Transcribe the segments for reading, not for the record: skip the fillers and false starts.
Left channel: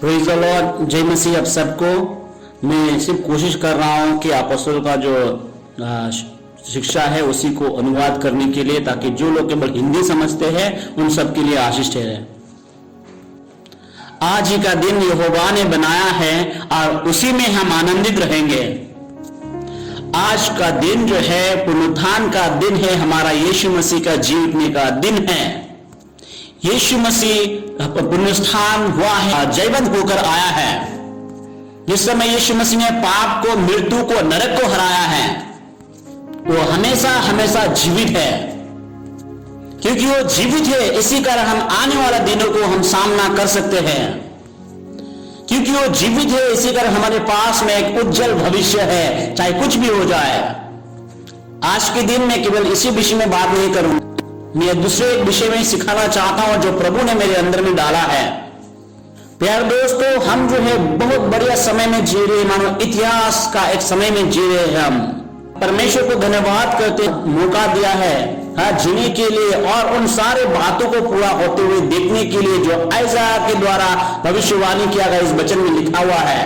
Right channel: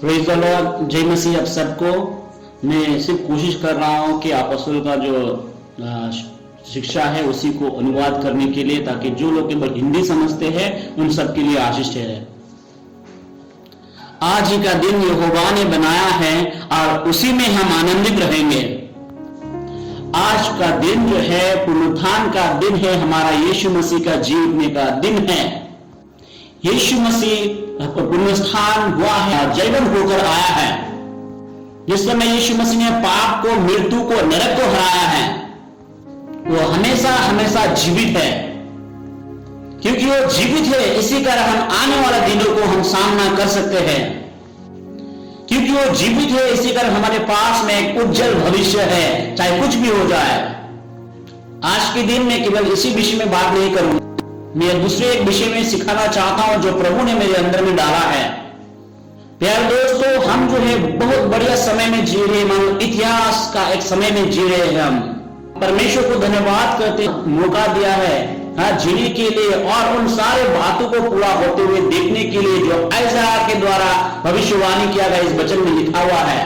Praise the Lord. जय मसीह आप सबको। मैं सिर्फ कोशिश कर रहा हूँ कि अपोस्तल का जो शिक्षा है उसी को अनुवाद करने के लिए, ताकि जो लोग केवल हिंदी समझते हैं उन सब के लिए आशीष ठहरे। आज ही का दिन यहोवा ने बनाया है और उसी में हम आनंदित रहेंगे। आज का दिन जो है पुनरुत्थान का दिन है, हमारा यीशु मसीह का जीवने का दिन है। यीशु मसीह पुनरुत्थान हुआ है, जयवंत होकर आया है। जिस समय यीशु मसीह ने पाप को, मृत्यु को, नरक को हराया है, वो हमेशा हमेशा जीवित है। क्योंकि वो जीवित है, इसी कारण हम आने वाले दिनों को हम सामना कर सकते हैं। क्योंकि वो जीवित है, इसी कारण हमारे पास में एक उज्जवल भविष्य है, चाहे कुछ भी हो जाए। आज के दिन में केवल इसी विषय में बात नहीं करूंगा, मैं दूसरे एक विषय में सिखाना चाहता हूं जो प्रभु ने मेरे अंदर में डाला है। प्यारे दोस्तों, हम जो है बहुत बढ़िया समय में जी रहे, मानो इतिहास का एक समय में जी रहे हैं। हम परमेश्वर को धन्यवाद करते, मौका दिया है जीने के लिए और उन सारे बातों को पूरा होते हुए देखने के लिए जो यशायाह के द्वारा भविष्यवाणी किया गया इस वचन में लिखा हुआ है।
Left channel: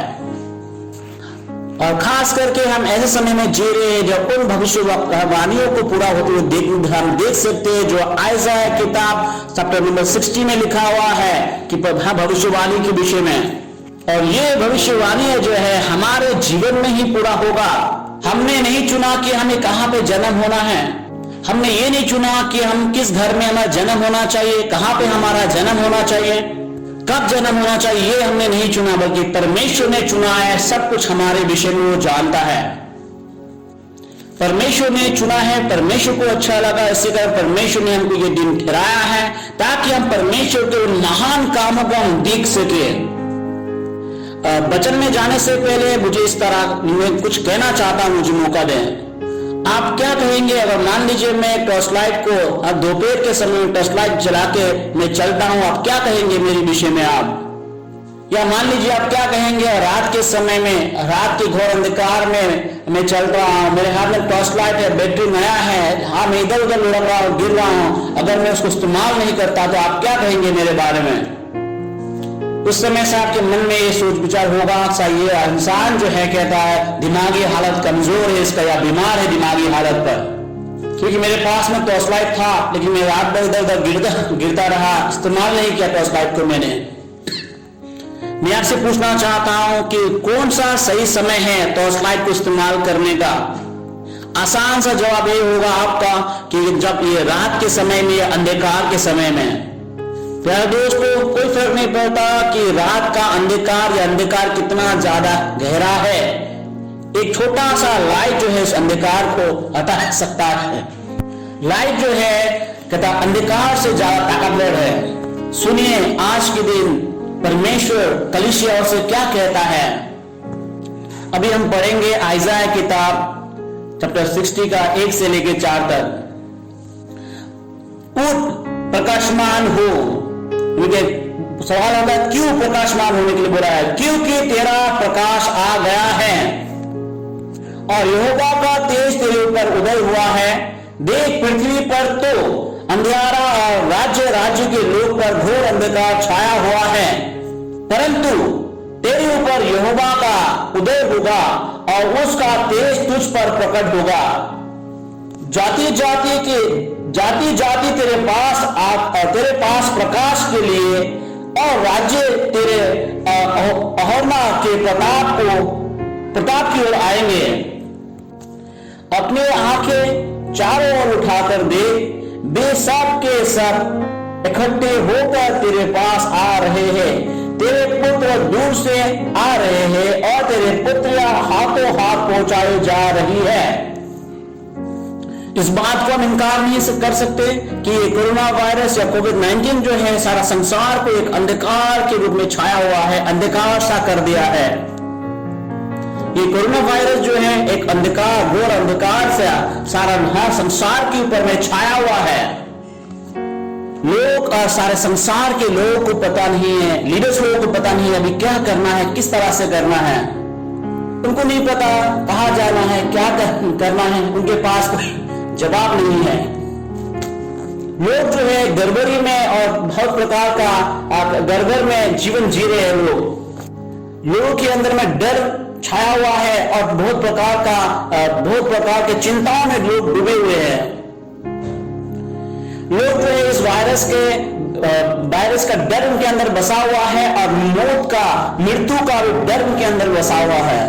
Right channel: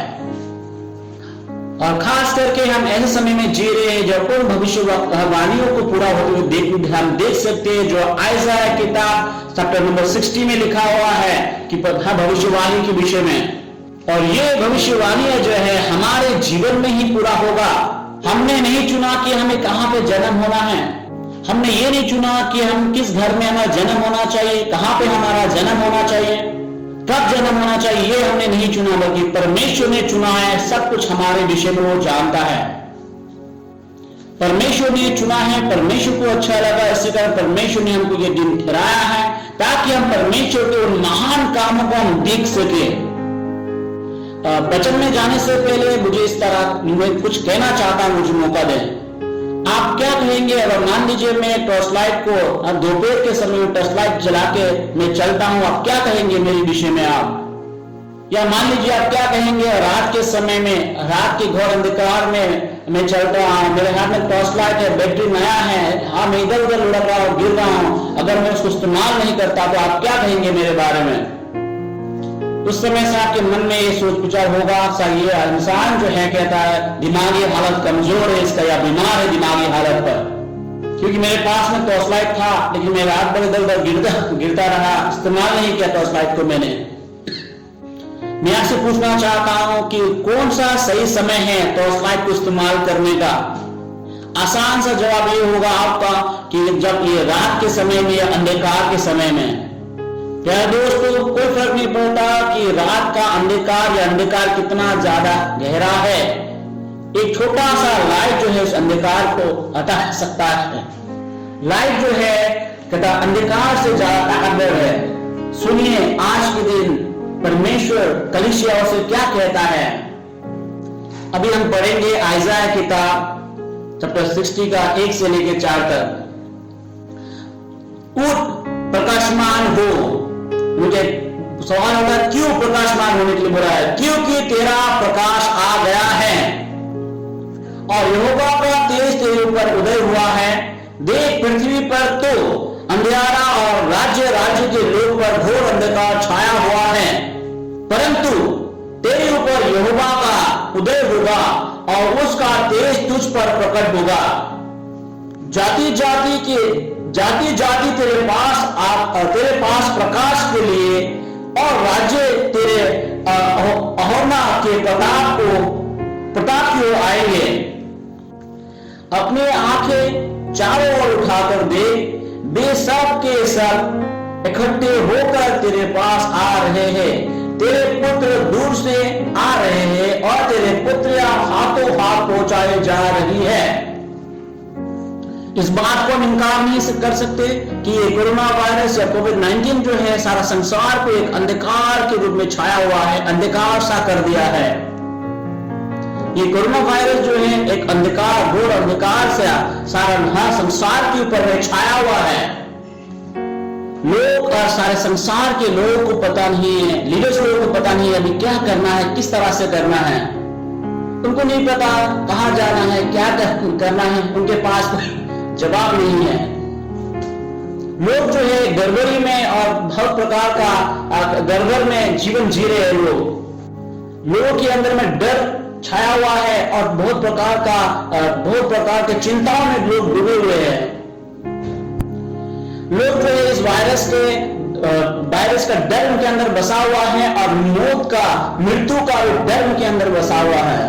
और खास करके हम ऐसे समय में जी रहे हैं जब उन भविष्यवाणियों को पूरा होते हुए हम देख सकते हैं जो यशायाह किताब चैप्टर नंबर 60 में लिखा हुआ है कि भविष्यवाणी के विषय में। और ये भविष्यवाणी जो है हमारे जीवन में ही पूरा होगा। हमने नहीं चुना कि हमें कहां पे जन्म होना है, हमने ये नहीं चुना कि हम किस घर में हमारा जन्म होना चाहिए, कहां पे हमारा जन्म होना चाहिए, कब जन्म होना चाहिए, ये हमने नहीं चुना, बल्कि परमेश्वर ने चुना है। सब कुछ हमारे विषय में वो जानता है। परमेश्वर ने चुना है, परमेश्वर को अच्छा लगा, इसी कारण परमेश्वर ने हमको ये दिन ठहराया है ताकि हम परमेश्वर के उन महान कामों को हम देख सके। वचन में जाने से पहले मुझे इस तरह मैं कुछ कहना चाहता हूं, मुझे मौका दें। आप क्या कहेंगे अगर मान लीजिए मैं टॉर्च लाइट को अब दोपहर के समय में टॉर्च लाइट जला के मैं चलता हूं, आप क्या कहेंगे मेरे विषय में आप? या मान लीजिए आप क्या कहेंगे रात के समय में, रात के घोर अंधकार में मैं चलता हूं, मेरे हाथ में टॉर्च लाइट है, बैटरी नया है, हाँ मैं इधर उधर लड़ रहा हूं, गिर रहा हूं, अगर मैं उसको इस्तेमाल नहीं करता तो आप क्या कहेंगे मेरे बारे में? उस समय से आपके मन में ये सोच विचार होगा, अच्छा ये इंसान जो है कहता है दिमागी हालत कमजोर है इसका, या बीमार है दिमागी हालत पर, क्योंकि मेरे पास में टॉर्च लाइट था लेकिन मैं रात भर इधर उधर गिरता रहा, इस्तेमाल नहीं किया टॉर्च लाइट को मैंने। मैं आपसे पूछना चाहता हूं कि कौन सा सही समय है टॉर्च लाइट को इस्तेमाल करने का? आसान सा जवाब ये होगा आपका कि जब ये रात के समय में या अंधकार के समय में। प्यारे दोस्तों, कोई फर्क नहीं पड़ता कि रात का अंधकार या अंधकार कितना ज्यादा गहरा है, एक छोटा सा लाइट जो है उस अंधकार को हटा सकता है। लाइट जो है कहता अंधकार से ज्यादा ताकतवर है। सुनिए आज के दिन परमेश्वर कलीसिया से क्या कहता है। अभी हम पढ़ेंगे यशायाह किताब चैप्टर 60 का 1 से लेकर 4 तक। उठ प्रकाशमान हो। मुझे सवाल होगा क्यों प्रकाशमान होने के लिए बोला है? क्योंकि तेरा प्रकाश आ गया है और यहोवा का तेज तेरे ऊपर उदय हुआ है। देख पृथ्वी पर तो अंधियारा और राज्य राज्य के लोग पर घोर अंधकार छाया हुआ है, परंतु तेरे ऊपर यहोवा का उदय होगा और उसका तेज तुझ पर प्रकट होगा। जाति जाति तेरे पास और तेरे पास प्रकाश के लिए और राज्य तेरे अहोना के प्रताप की ओर आएंगे। अपने आंखें चारों ओर उठाकर देख, वे सब के सब इकट्ठे होकर तेरे पास आ रहे हैं। तेरे पुत्र दूर से आ रहे हैं और तेरे पुत्रियां हाथों हाथ पहुंचाई जा रही है। इस बात को हम इनकार नहीं कर सकते कि ये कोरोना वायरस या कोविड-19 जो है सारा संसार पे एक अंधकार के रूप में छाया हुआ है, अंधकार सा कर दिया है। ये कोरोना वायरस जो है एक अंधकार, घोर अंधकार से सारा संसार के ऊपर में छाया हुआ है। लोग और सारे संसार के लोगों को पता नहीं है, लीडर्स लोगों को पता नहीं है अभी क्या करना है, किस तरह से करना है। उनको नहीं पता कहां जाना है, क्या करना है, उनके पास जवाब नहीं है। लोग जो है गड़बड़ी में और बहुत प्रकार का गड़बड़ में जीवन जी रहे हैं लोग। लोगों के अंदर में डर छाया हुआ है और बहुत प्रकार के चिंताओं में लोग डूबे हुए हैं। लोग जो है इस वायरस का डर उनके अंदर बसा हुआ है और मृत्यु का भी डर उनके अंदर बसा हुआ है।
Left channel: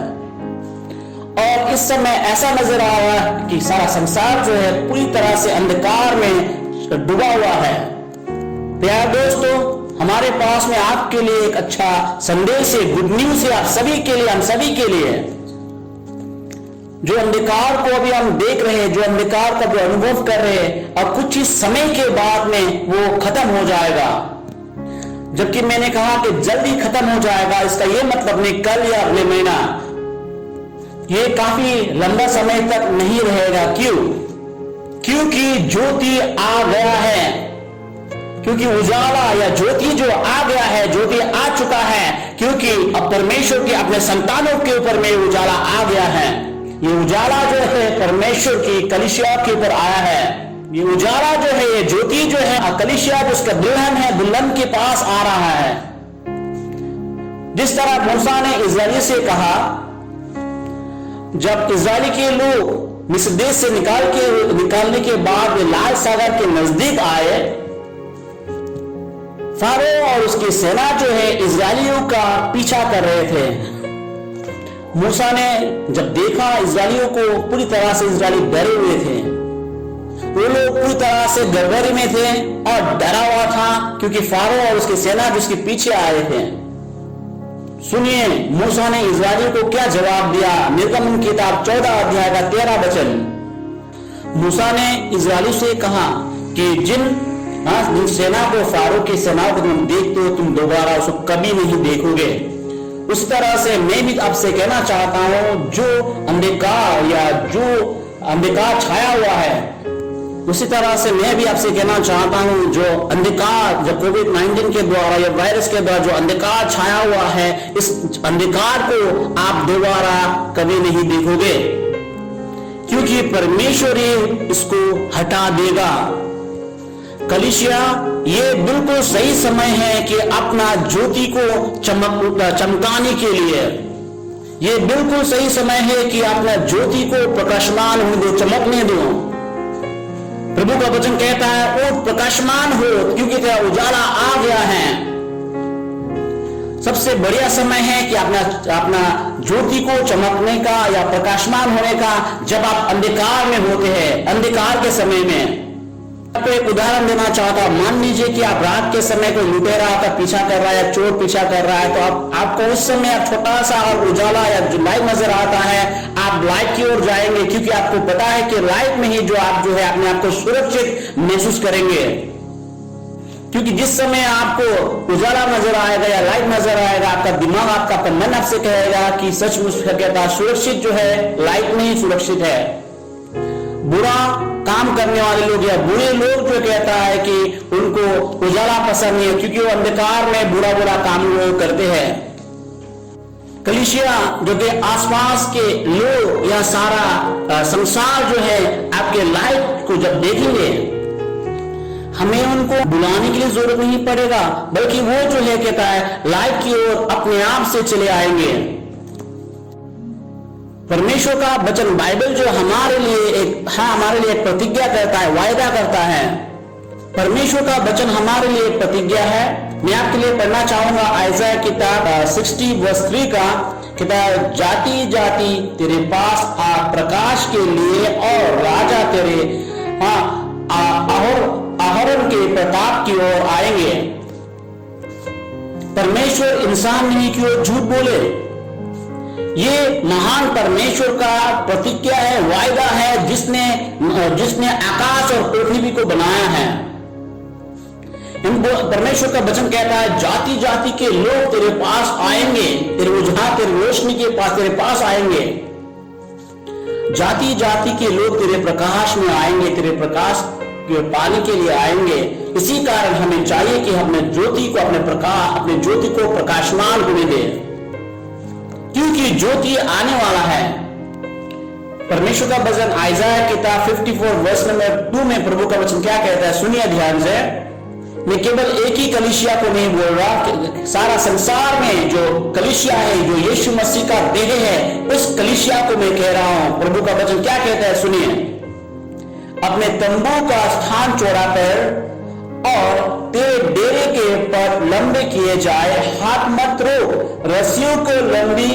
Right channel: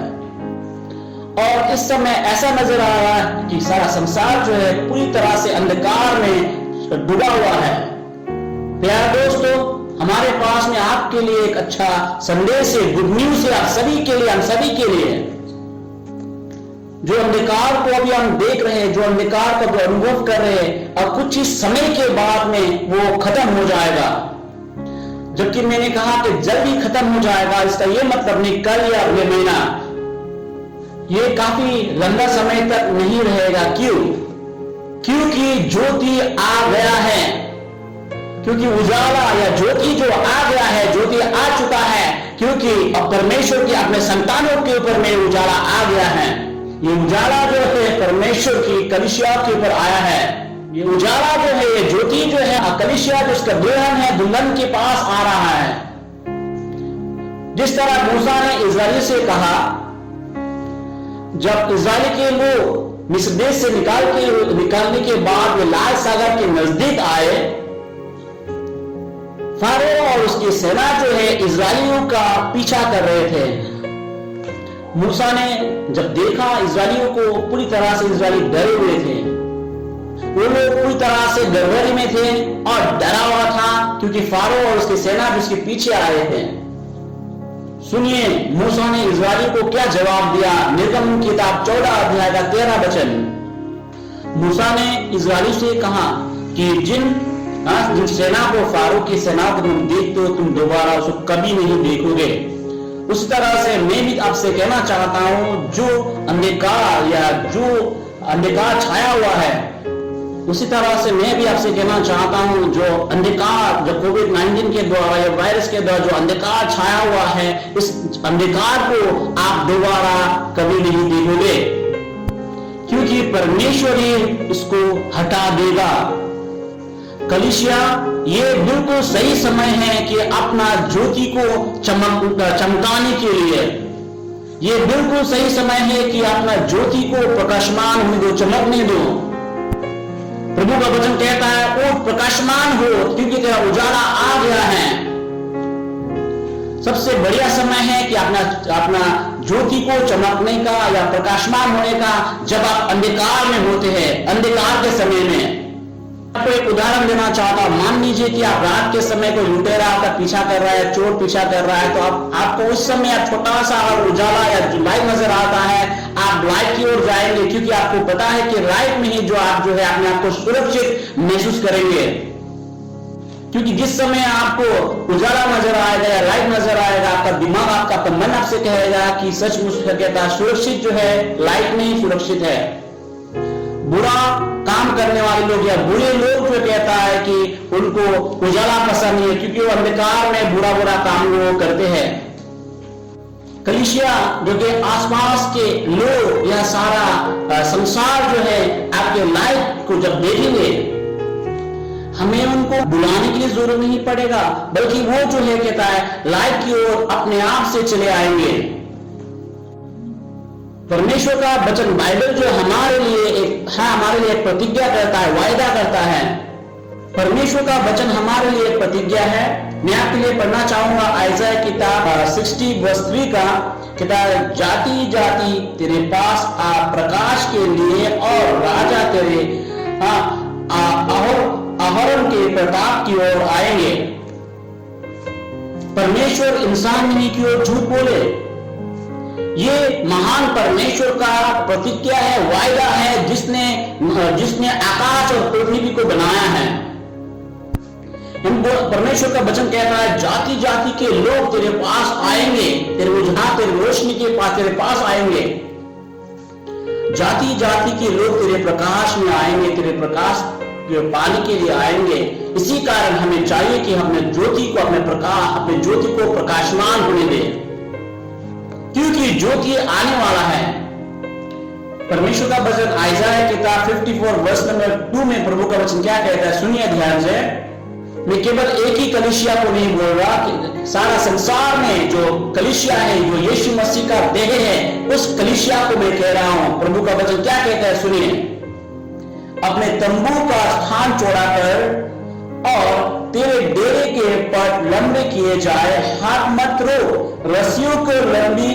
और इस समय ऐसा नजर आ रहा है कि सारा संसार जो है पूरी तरह से अंधकार में डूबा हुआ है। प्यारे दोस्तों, हमारे पास में आपके लिए एक अच्छा संदेश है, गुड न्यूज है आप सभी के लिए, हम सभी के लिए। जो अंधकार को अभी हम देख रहे हैं, जो अंधकार का जो अनुभव कर रहे हैं, और कुछ ही समय के बाद में वो खत्म हो जाएगा। जबकि मैंने कहा कि जल्दी खत्म हो जाएगा, इसका ये मतलब नहीं कल या अगले महीना, ये काफी लंबा समय तक नहीं रहेगा। क्योंकि ज्योति आ गया है, क्योंकि उजाला या ज्योति जो आ गया है, ज्योति आ चुका है, क्योंकि अब परमेश्वर के अपने संतानों के ऊपर में उजाला आ गया है। ये उजाला जो है परमेश्वर की कलीसिया के ऊपर आया है। ये उजाला जो है, ये ज्योति जो है, कलीसिया जो उसका दुल्हन है, दुल्हन के पास आ रहा है। जिस तरह मूसा ने इस्राएली से कहा, जब इस्राएली के लोग मिस्र देश से निकालने के बाद वे लाल सागर के नजदीक आए, फारो और उसकी सेना जो है इस्राएलियों का पीछा कर रहे थे। मूसा ने जब देखा इस्राएलियों को, पूरी तरह से इस्राएली डरे हुए थे, वो लोग पूरी तरह से डरवरी में थे और डरा हुआ था, क्योंकि फारो और उसकी सेना जो उसके पीछे आए थे। सुनिए मूसा ने इस्राएलियों को क्या जवाब दिया। निर्गमन किताब 14 अध्याय का 13 वचन। मूसा ने इस्राएली से कहा कि जिन सेना को, फारो की सेना को तुम देखते हो, तुम दोबारा उसको कभी नहीं देखोगे। उस तरह से मैं भी आपसे कहना चाहता हूं, जो अंधकार छाया हुआ है, उसी तरह से मैं भी आपसे कहना चाहता हूं, जो अंधकार, जो कोविड-19 के द्वारा या वायरस के द्वारा जो अंधकार छाया हुआ है, इस अंधकार को आप दोबारा कभी नहीं देखोगे, क्योंकि परमेश्वर ही इसको हटा देगा। कलीसिया, ये बिल्कुल सही समय है कि अपना ज्योति को चमकाने के लिए, ये बिल्कुल सही समय है कि अपना ज्योति को प्रकाशमान होने दो, चमकने दो। प्रभु का वचन कहता है, वो प्रकाशमान हो, क्योंकि तेरा उजाला आ गया है। सबसे बढ़िया समय है कि अपना ज्योति को चमकने का या प्रकाशमान होने का, जब आप अंधकार में होते हैं, अंधकार के समय में। आपको एक उदाहरण देना चाहता हूं। मान लीजिए कि आप रात के समय को लुटेरा का पीछा कर रहा है, चोर पीछा कर रहा है, तो आपको उस समय छोटा सा उजाला या जो लाइट नजर आता है, आप लाइट की ओर जाएंगे, क्योंकि आपको पता है कि लाइट में ही जो आप जो है अपने आप को सुरक्षित महसूस करेंगे। क्योंकि जिस समय आपको उजाला नजर आएगा या लाइट नजर आएगा, आपका दिमाग, आपका मन आपसे कहेगा कि सचमुच कहता सुरक्षित जो है लाइट में ही सुरक्षित है। बुरा काम करने वाले लोग या बुरे लोग जो कहता है कि उनको उजाला पसंद नहीं है, क्योंकि वो अंधकार में बुरा काम वो करते हैं। कलीसिया, जो कि आसपास के लोग या सारा संसार जो है आपके लाइट को जब देखेंगे, हमें उनको बुलाने के लिए जरूरत नहीं पड़ेगा, बल्कि वो जो है कहता है लाइट की ओर अपने आप से चले आएंगे। परमेश्वर का वचन बाइबल जो हमारे लिए एक प्रतिज्ञा करता है, वायदा करता है। परमेश्वर का वचन हमारे लिए एक प्रतिज्ञा है। मैं आपके लिए पढ़ना चाहूंगा आयसाया किताब 60:3 का, किताब जाति जाति तेरे पास आ प्रकाश के लिए, और राजा तेरे अहरोन के प्रताप की ओर आएंगे। परमेश्वर इंसान नहीं की ओर झूठ बोले, ये महान परमेश्वर का प्रतिज्ञा है, वायदा है, जिसने आकाश और पृथ्वी को बनाया है। परमेश्वर का वचन कहता है जाति जाति के लोग तेरे पास आएंगे, तेरे रोशनी के पास तेरे पास आएंगे। जाति जाति के लोग तेरे प्रकाश में आएंगे, तेरे प्रकाश के पाने के लिए आएंगे। इसी कारण हमें चाहिए कि अपने ज्योति को प्रकाशमान होने दें, क्योंकि ज्योति आने वाला है। परमेश्वर का वचन आयसाया किताब 54 वर्ष नंबर 2 में प्रभु का वचन क्या कहता है, सुनिए ध्यान से। मैं केवल एक ही कलीसिया को नहीं बोल रहा, सारा संसार में जो कलीसिया है, जो यीशु मसीह का देह है, उस कलीसिया को मैं कह रहा हूं। प्रभु का वचन क्या कहता है, सुनिए। अपने तंबू का स्थान चौड़ा कर और तेरे डेरे के पट लंबे किए जाए, हाथ मत रो, रस्सियों को लंबी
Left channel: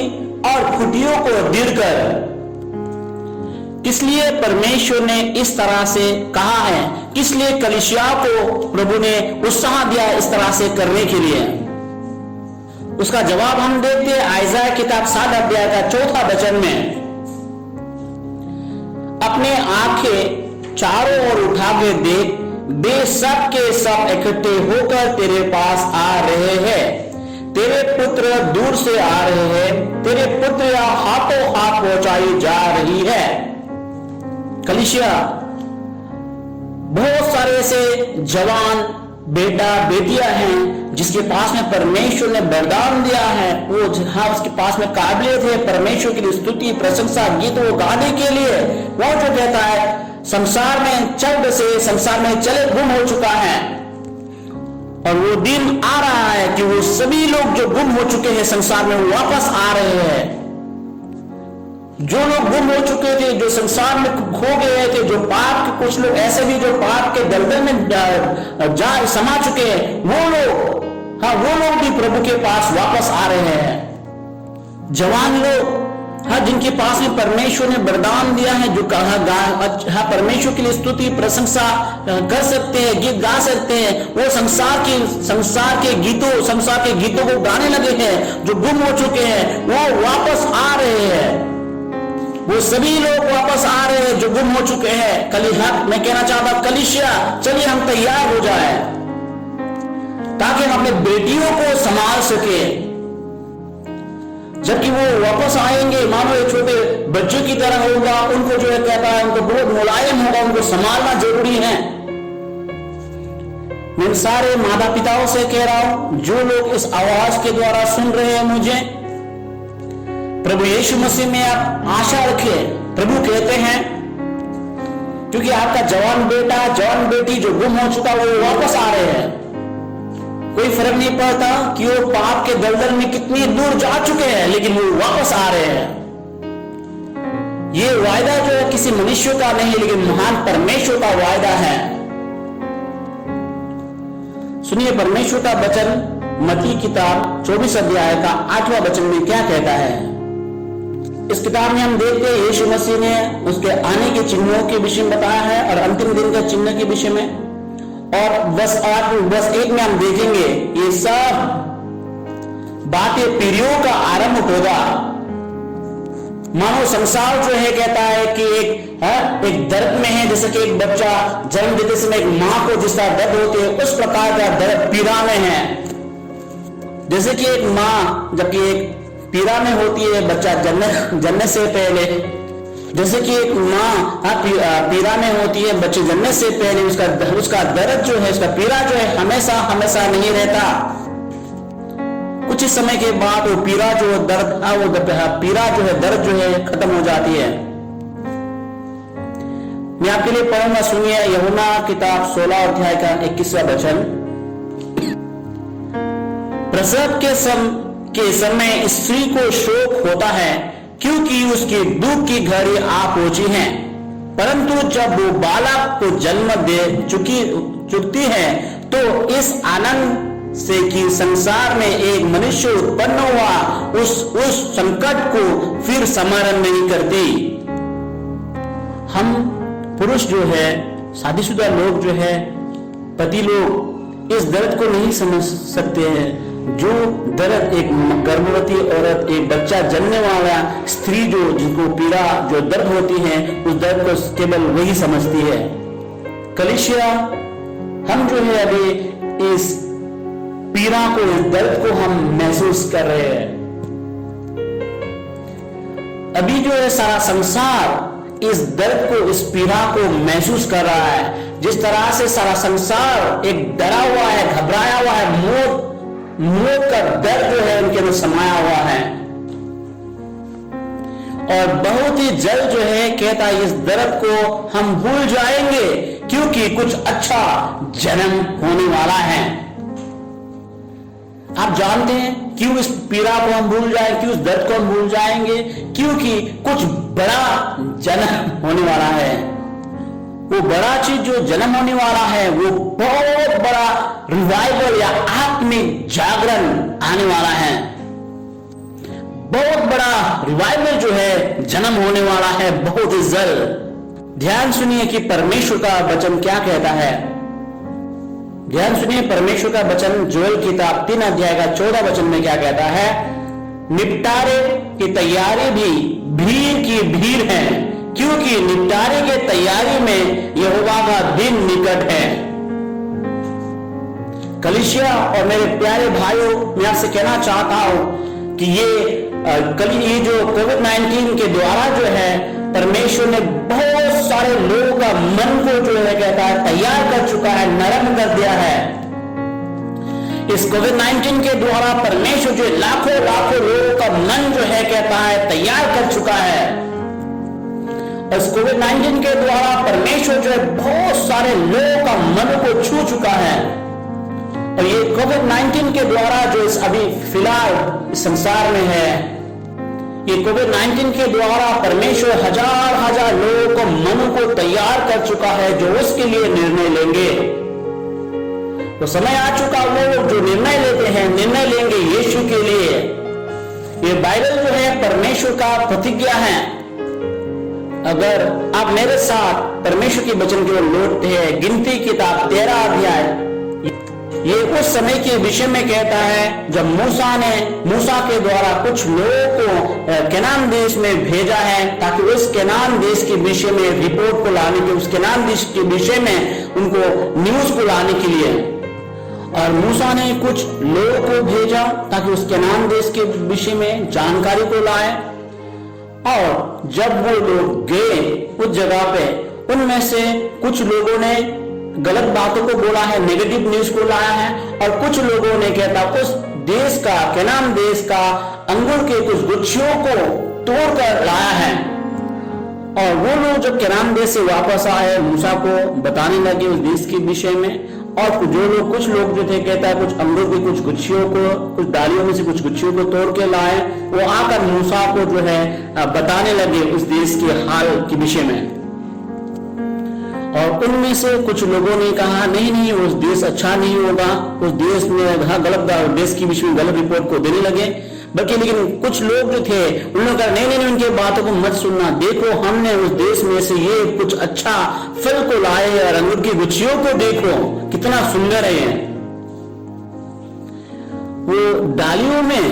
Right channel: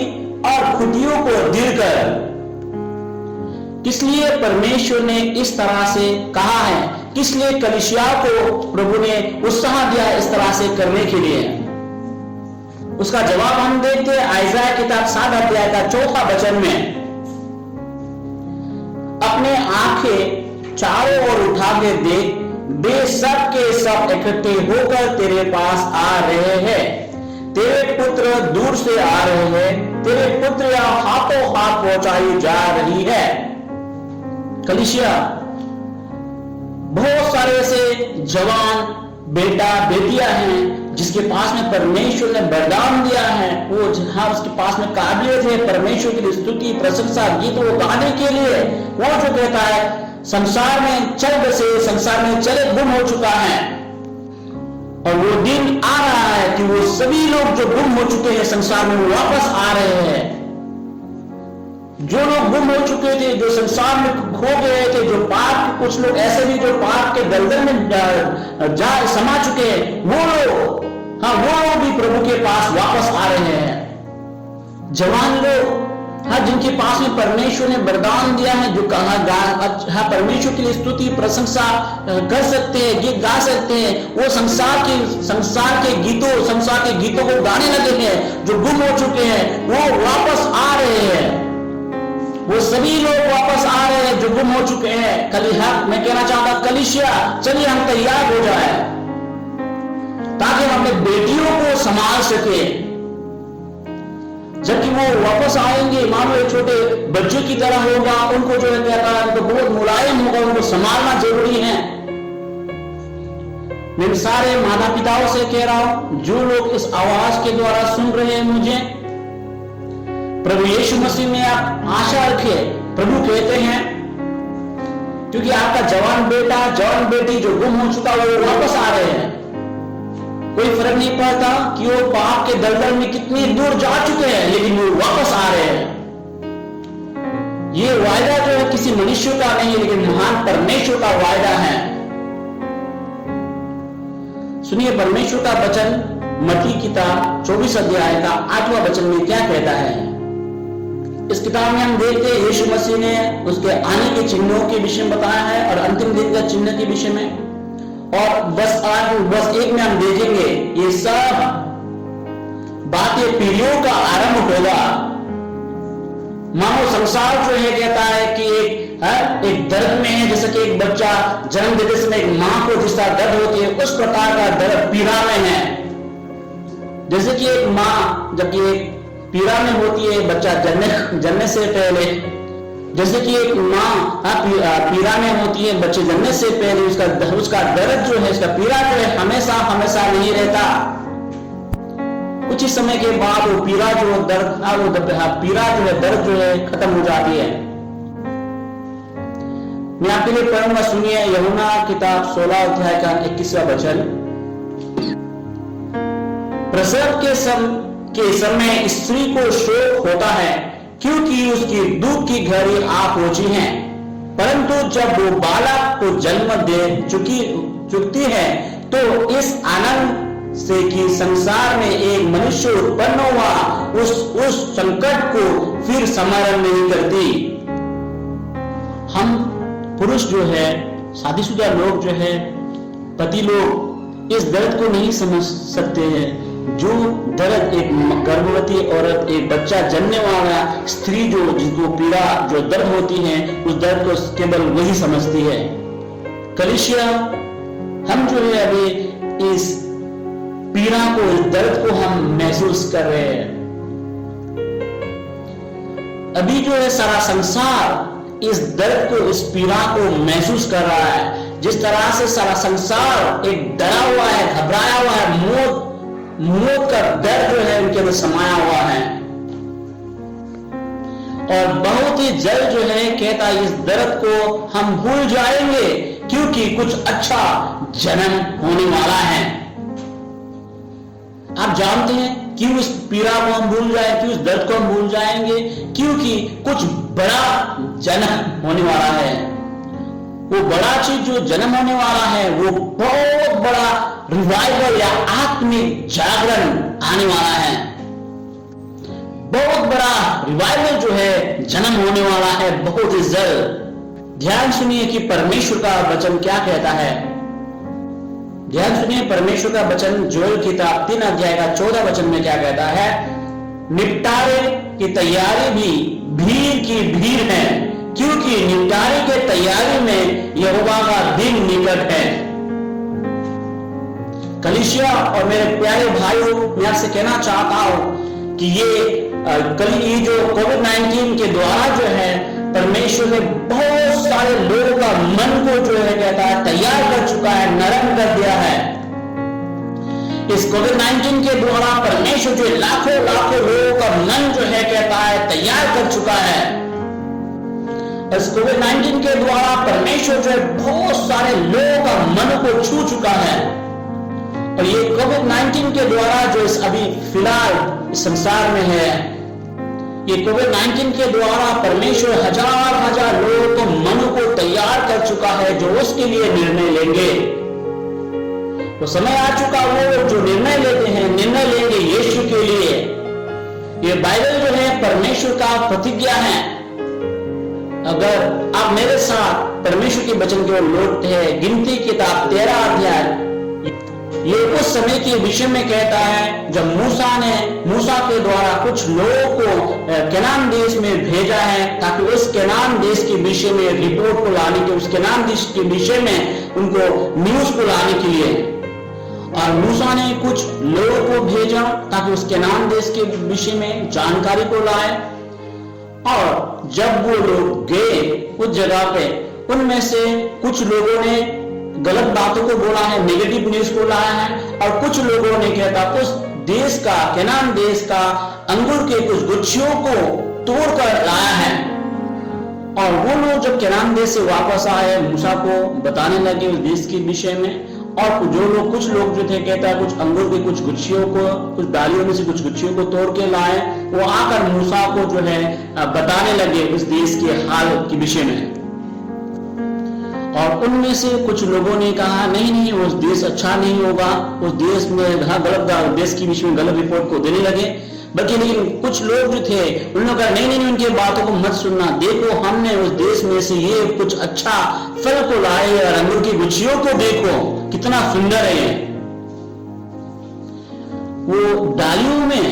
और खुटियों को दृढ़ कर। किसलिए परमेश्वर ने इस तरह से कहा है, किसलिए कलीसिया को प्रभु ने उत्साह दिया इस तरह से करने के लिए? उसका जवाब हम देखते हैं आइज़ाया किताब 7 अध्याय का 4 वचन में। अपने आंखें चारों ओर उठा के देख, वे सब के सब इकट्ठे होकर तेरे पास आ रहे हैं। तेरे पुत्र दूर से आ रहे हैं, तेरे पुत्र हाथों हाथ पहुंचाई जा रही है। कलीसिया, बहुत सारे ऐसे जवान बेटा बेटियां हैं जिसके पास में परमेश्वर ने वरदान दिया है, वो जहां उसके पास में काबिलियत है परमेश्वर की स्तुति प्रशंसा गीत वो गाने के लिए, वो जो कहता है संसार में चल बसे, संसार में चले गुम हो चुका है। और वो दिन आ रहा है कि वो सभी लोग जो गुम हो चुके हैं संसार में वापस आ रहे हैं। जो लोग गुम हो चुके थे, जो संसार में खो गए थे, जो पाप, कुछ लोग ऐसे भी जो पाप के दलदल में जा समा चुके हैं, वो लोग, हाँ, वो लोग भी प्रभु के पास वापस आ रहे हैं। जवान लोग, हाँ, जिनके पास में परमेश्वर ने वरदान दिया है, जो कहा हाँ, परमेश्वर के लिए स्तुति प्रशंसा कर सकते हैं, गीत गा सकते हैं, वो संसार के गीतों को गाने लगे हैं। जो गुम हो चुके हैं वो वापस आ रहे हैं। वो सभी लोग वापस आ रहे हैं जो गुम हो चुके हैं। मैं कहना चाहता हूं कलीसिया, चलिए हम तैयार हो जाए ताकि हम अपने बेटियों को संभाल सके। जबकि वो वापस आएंगे, मानो एक छोटे बच्चों की तरह होगा, उनको जो है कहता है उनको बहुत मुलायम होगा, उनको संभालना जरूरी है। मैं सारे माता पिताओं से कह रहा हूं, जो लोग इस आवाज के द्वारा सुन रहे हैं मुझे, प्रभु यीशु मसीह में आप आशा रखिए। प्रभु कहते हैं क्योंकि आपका जवान बेटा जवान बेटी जो गुम हो चुका वो वापस आ रहे हैं। कोई फर्क नहीं पड़ता कि वो पाप के दलदल में कितनी दूर जा चुके हैं, लेकिन वो वापस आ रहे हैं। ये वायदा जो है किसी मनुष्य का नहीं, लेकिन महान परमेश्वर का वायदा है। सुनिए परमेश्वर का वचन मत्ती किताब 24 अध्याय का 8वां वचन में क्या कहता है। इस किताब में हम देखते हैं यीशु मसीह ने उसके आने के चिन्हों के विषय में बताया है और अंतिम दिन का चिन्ह के विषय में। और बस 1 में हम देखेंगे ये सब बातें पीढ़ियों का आरंभ होगा। मानो संसार जो है कहता है कि एक दर्द में है, जैसे कि एक बच्चा जन्म देते समय एक मां को जिस तरह दर्द होती है, उस प्रकार का दर्द पीड़ा में है। जैसे कि एक मां जबकि एक पीड़ा में होती है बच्चा जन्मने से पहले, जैसे कि एक माँ पीड़ा में होती है बच्चे जन्मने से पहले, उसका दर्द जो है, उसका पीड़ा जो है हमेशा नहीं रहता। कुछ समय के बाद वो पीड़ा जो पीड़ा जो है, दर्द जो है खत्म हो जाती है। मैं आपके लिए पढ़ूंगा, सुनिए यूहन्ना किताब 16 अध्याय का 21वां वचन। प्रसव के समय स्त्री को शोक होता है क्योंकि उसकी दुख की घड़ी आ पहुंची है, परंतु जब वो बालक को जन्म दे चुकती है तो इस आनंद से कि संसार में एक मनुष्य उत्पन्न हुआ, उस संकट को फिर स्मरण नहीं करती। हम पुरुष जो है, शादीशुदा लोग जो है, पति लोग इस दर्द को नहीं समझ सकते हैं। जो दर्द एक गर्भवती औरत, एक बच्चा जन्मने वाला स्त्री जिसको पीड़ा जो दर्द होती है, उस दर्द को केवल वही समझती है। कलीसिया, हम जो है अभी इस पीड़ा को, इस दर्द को हम महसूस कर रहे हैं। अभी जो है सारा संसार इस दर्द को, इस पीड़ा को महसूस कर रहा है। जिस तरह से सारा संसार एक डरा हुआ है, घबराया हुआ है, मौत का डर जो है उनके अंदर समाया हुआ है। और बहुत ही जल्द जो है कहता है इस दर्द को हम भूल जाएंगे, क्योंकि कुछ अच्छा जन्म होने वाला है। आप जानते हैं क्यों इस पीड़ा को हम भूल जाएं, क्यों इस दर्द को हम भूल जाएंगे? क्योंकि कुछ बड़ा जन्म होने वाला है। वो बड़ा चीज जो जन्म होने वाला है वो बहुत बड़ा रिवाइवल या आत्मिक जागरण आने वाला है। बहुत बड़ा रिवाइवल जो है जन्म होने वाला है बहुत ही जल्द। ध्यान सुनिए कि परमेश्वर का वचन क्या कहता है। ध्यान सुनिए परमेश्वर का वचन जोएल किताब 3 अध्याय का 14 वचन में क्या कहता है। निपटारे की तैयारी भी भीड़ की भीड़ है, क्योंकि निपटारे के तैयारी में यहोवा का दिन निकट है। कलीसिया और मेरे प्यारे भाइयों, मैं आपसे कहना चाहता हूं कि ये जो कोविड-19 के द्वारा जो है परमेश्वर ने बहुत सारे लोगों का मन को जो है कहता है तैयार कर चुका है, नरम कर दिया है। इस कोविड-19 के द्वारा परमेश्वर जो लाखों लाखों लोगों का मन जो है कहता है तैयार कर चुका है। इस कोविड-19 के द्वारा परमेश्वर जो है बहुत सारे लोगों का मन को छू चुका है। और ये कोविड-19 के द्वारा जो अभी फिलहाल संसार में है, ये कोविड-19 के द्वारा परमेश्वर हजार हजार लोगों को मन को तैयार कर चुका है जो उसके लिए निर्णय लेंगे। तो समय आ चुका वो जो निर्णय लेते हैं, निर्णय लेंगे यीशु के लिए। ये बाइबल जो है परमेश्वर का प्रतिज्ञा है। अगर आप मेरे साथ परमेश्वर के वचन की ओर लौटते हैं, गिनती किताब 13 अध्याय, ये उस समय के विषय में कहता है जब मूसा के द्वारा कुछ लोगों को केनान देश में भेजा है, ताकि उस केनान देश के विषय में रिपोर्ट को लाने के, उस केनान देश के विषय में उनको न्यूज को लाने के लिए। और मूसा ने कुछ लोगों को भेजा ताकि उस केनान देश के विषय में जानकारी को लाए। और जब वो लोग गए उस जगह पे, उनमें से कुछ लोगों ने गलत बातों को बोला है, नेगेटिव न्यूज को लाया है। और कुछ लोगों ने कहता उस देश का, केनान देश का अंगूर के कुछ गुच्छियों को तोड़कर लाया है। और वो लोग जब केनान देश से वापस आए, मूसा को बताने लगे उस देश के विषय में। और कुछ लोग जो थे कहता है कुछ अंगूर की कुछ गुच्छियों को, कुछ डालियों में से कुछ गुच्छियों को तोड़ के लाए। वो आकर मूसा को जो है बताने लगे उस देश के हाल के विषय में। और उनमें से कुछ लोगों ने कहा नहीं उस देश अच्छा नहीं होगा, उस देश में गलत देश के विषय में गलत रिपोर्ट को देने लगे। लेकिन कुछ लोग जो थे उन्होंने कहा नहीं उनके बातों को मत सुनना, देखो हमने उस देश में से ये कुछ अच्छा फल को लाए और अंगूर की गुच्छियों को देखो कितना सुंदर है। वो डालियों में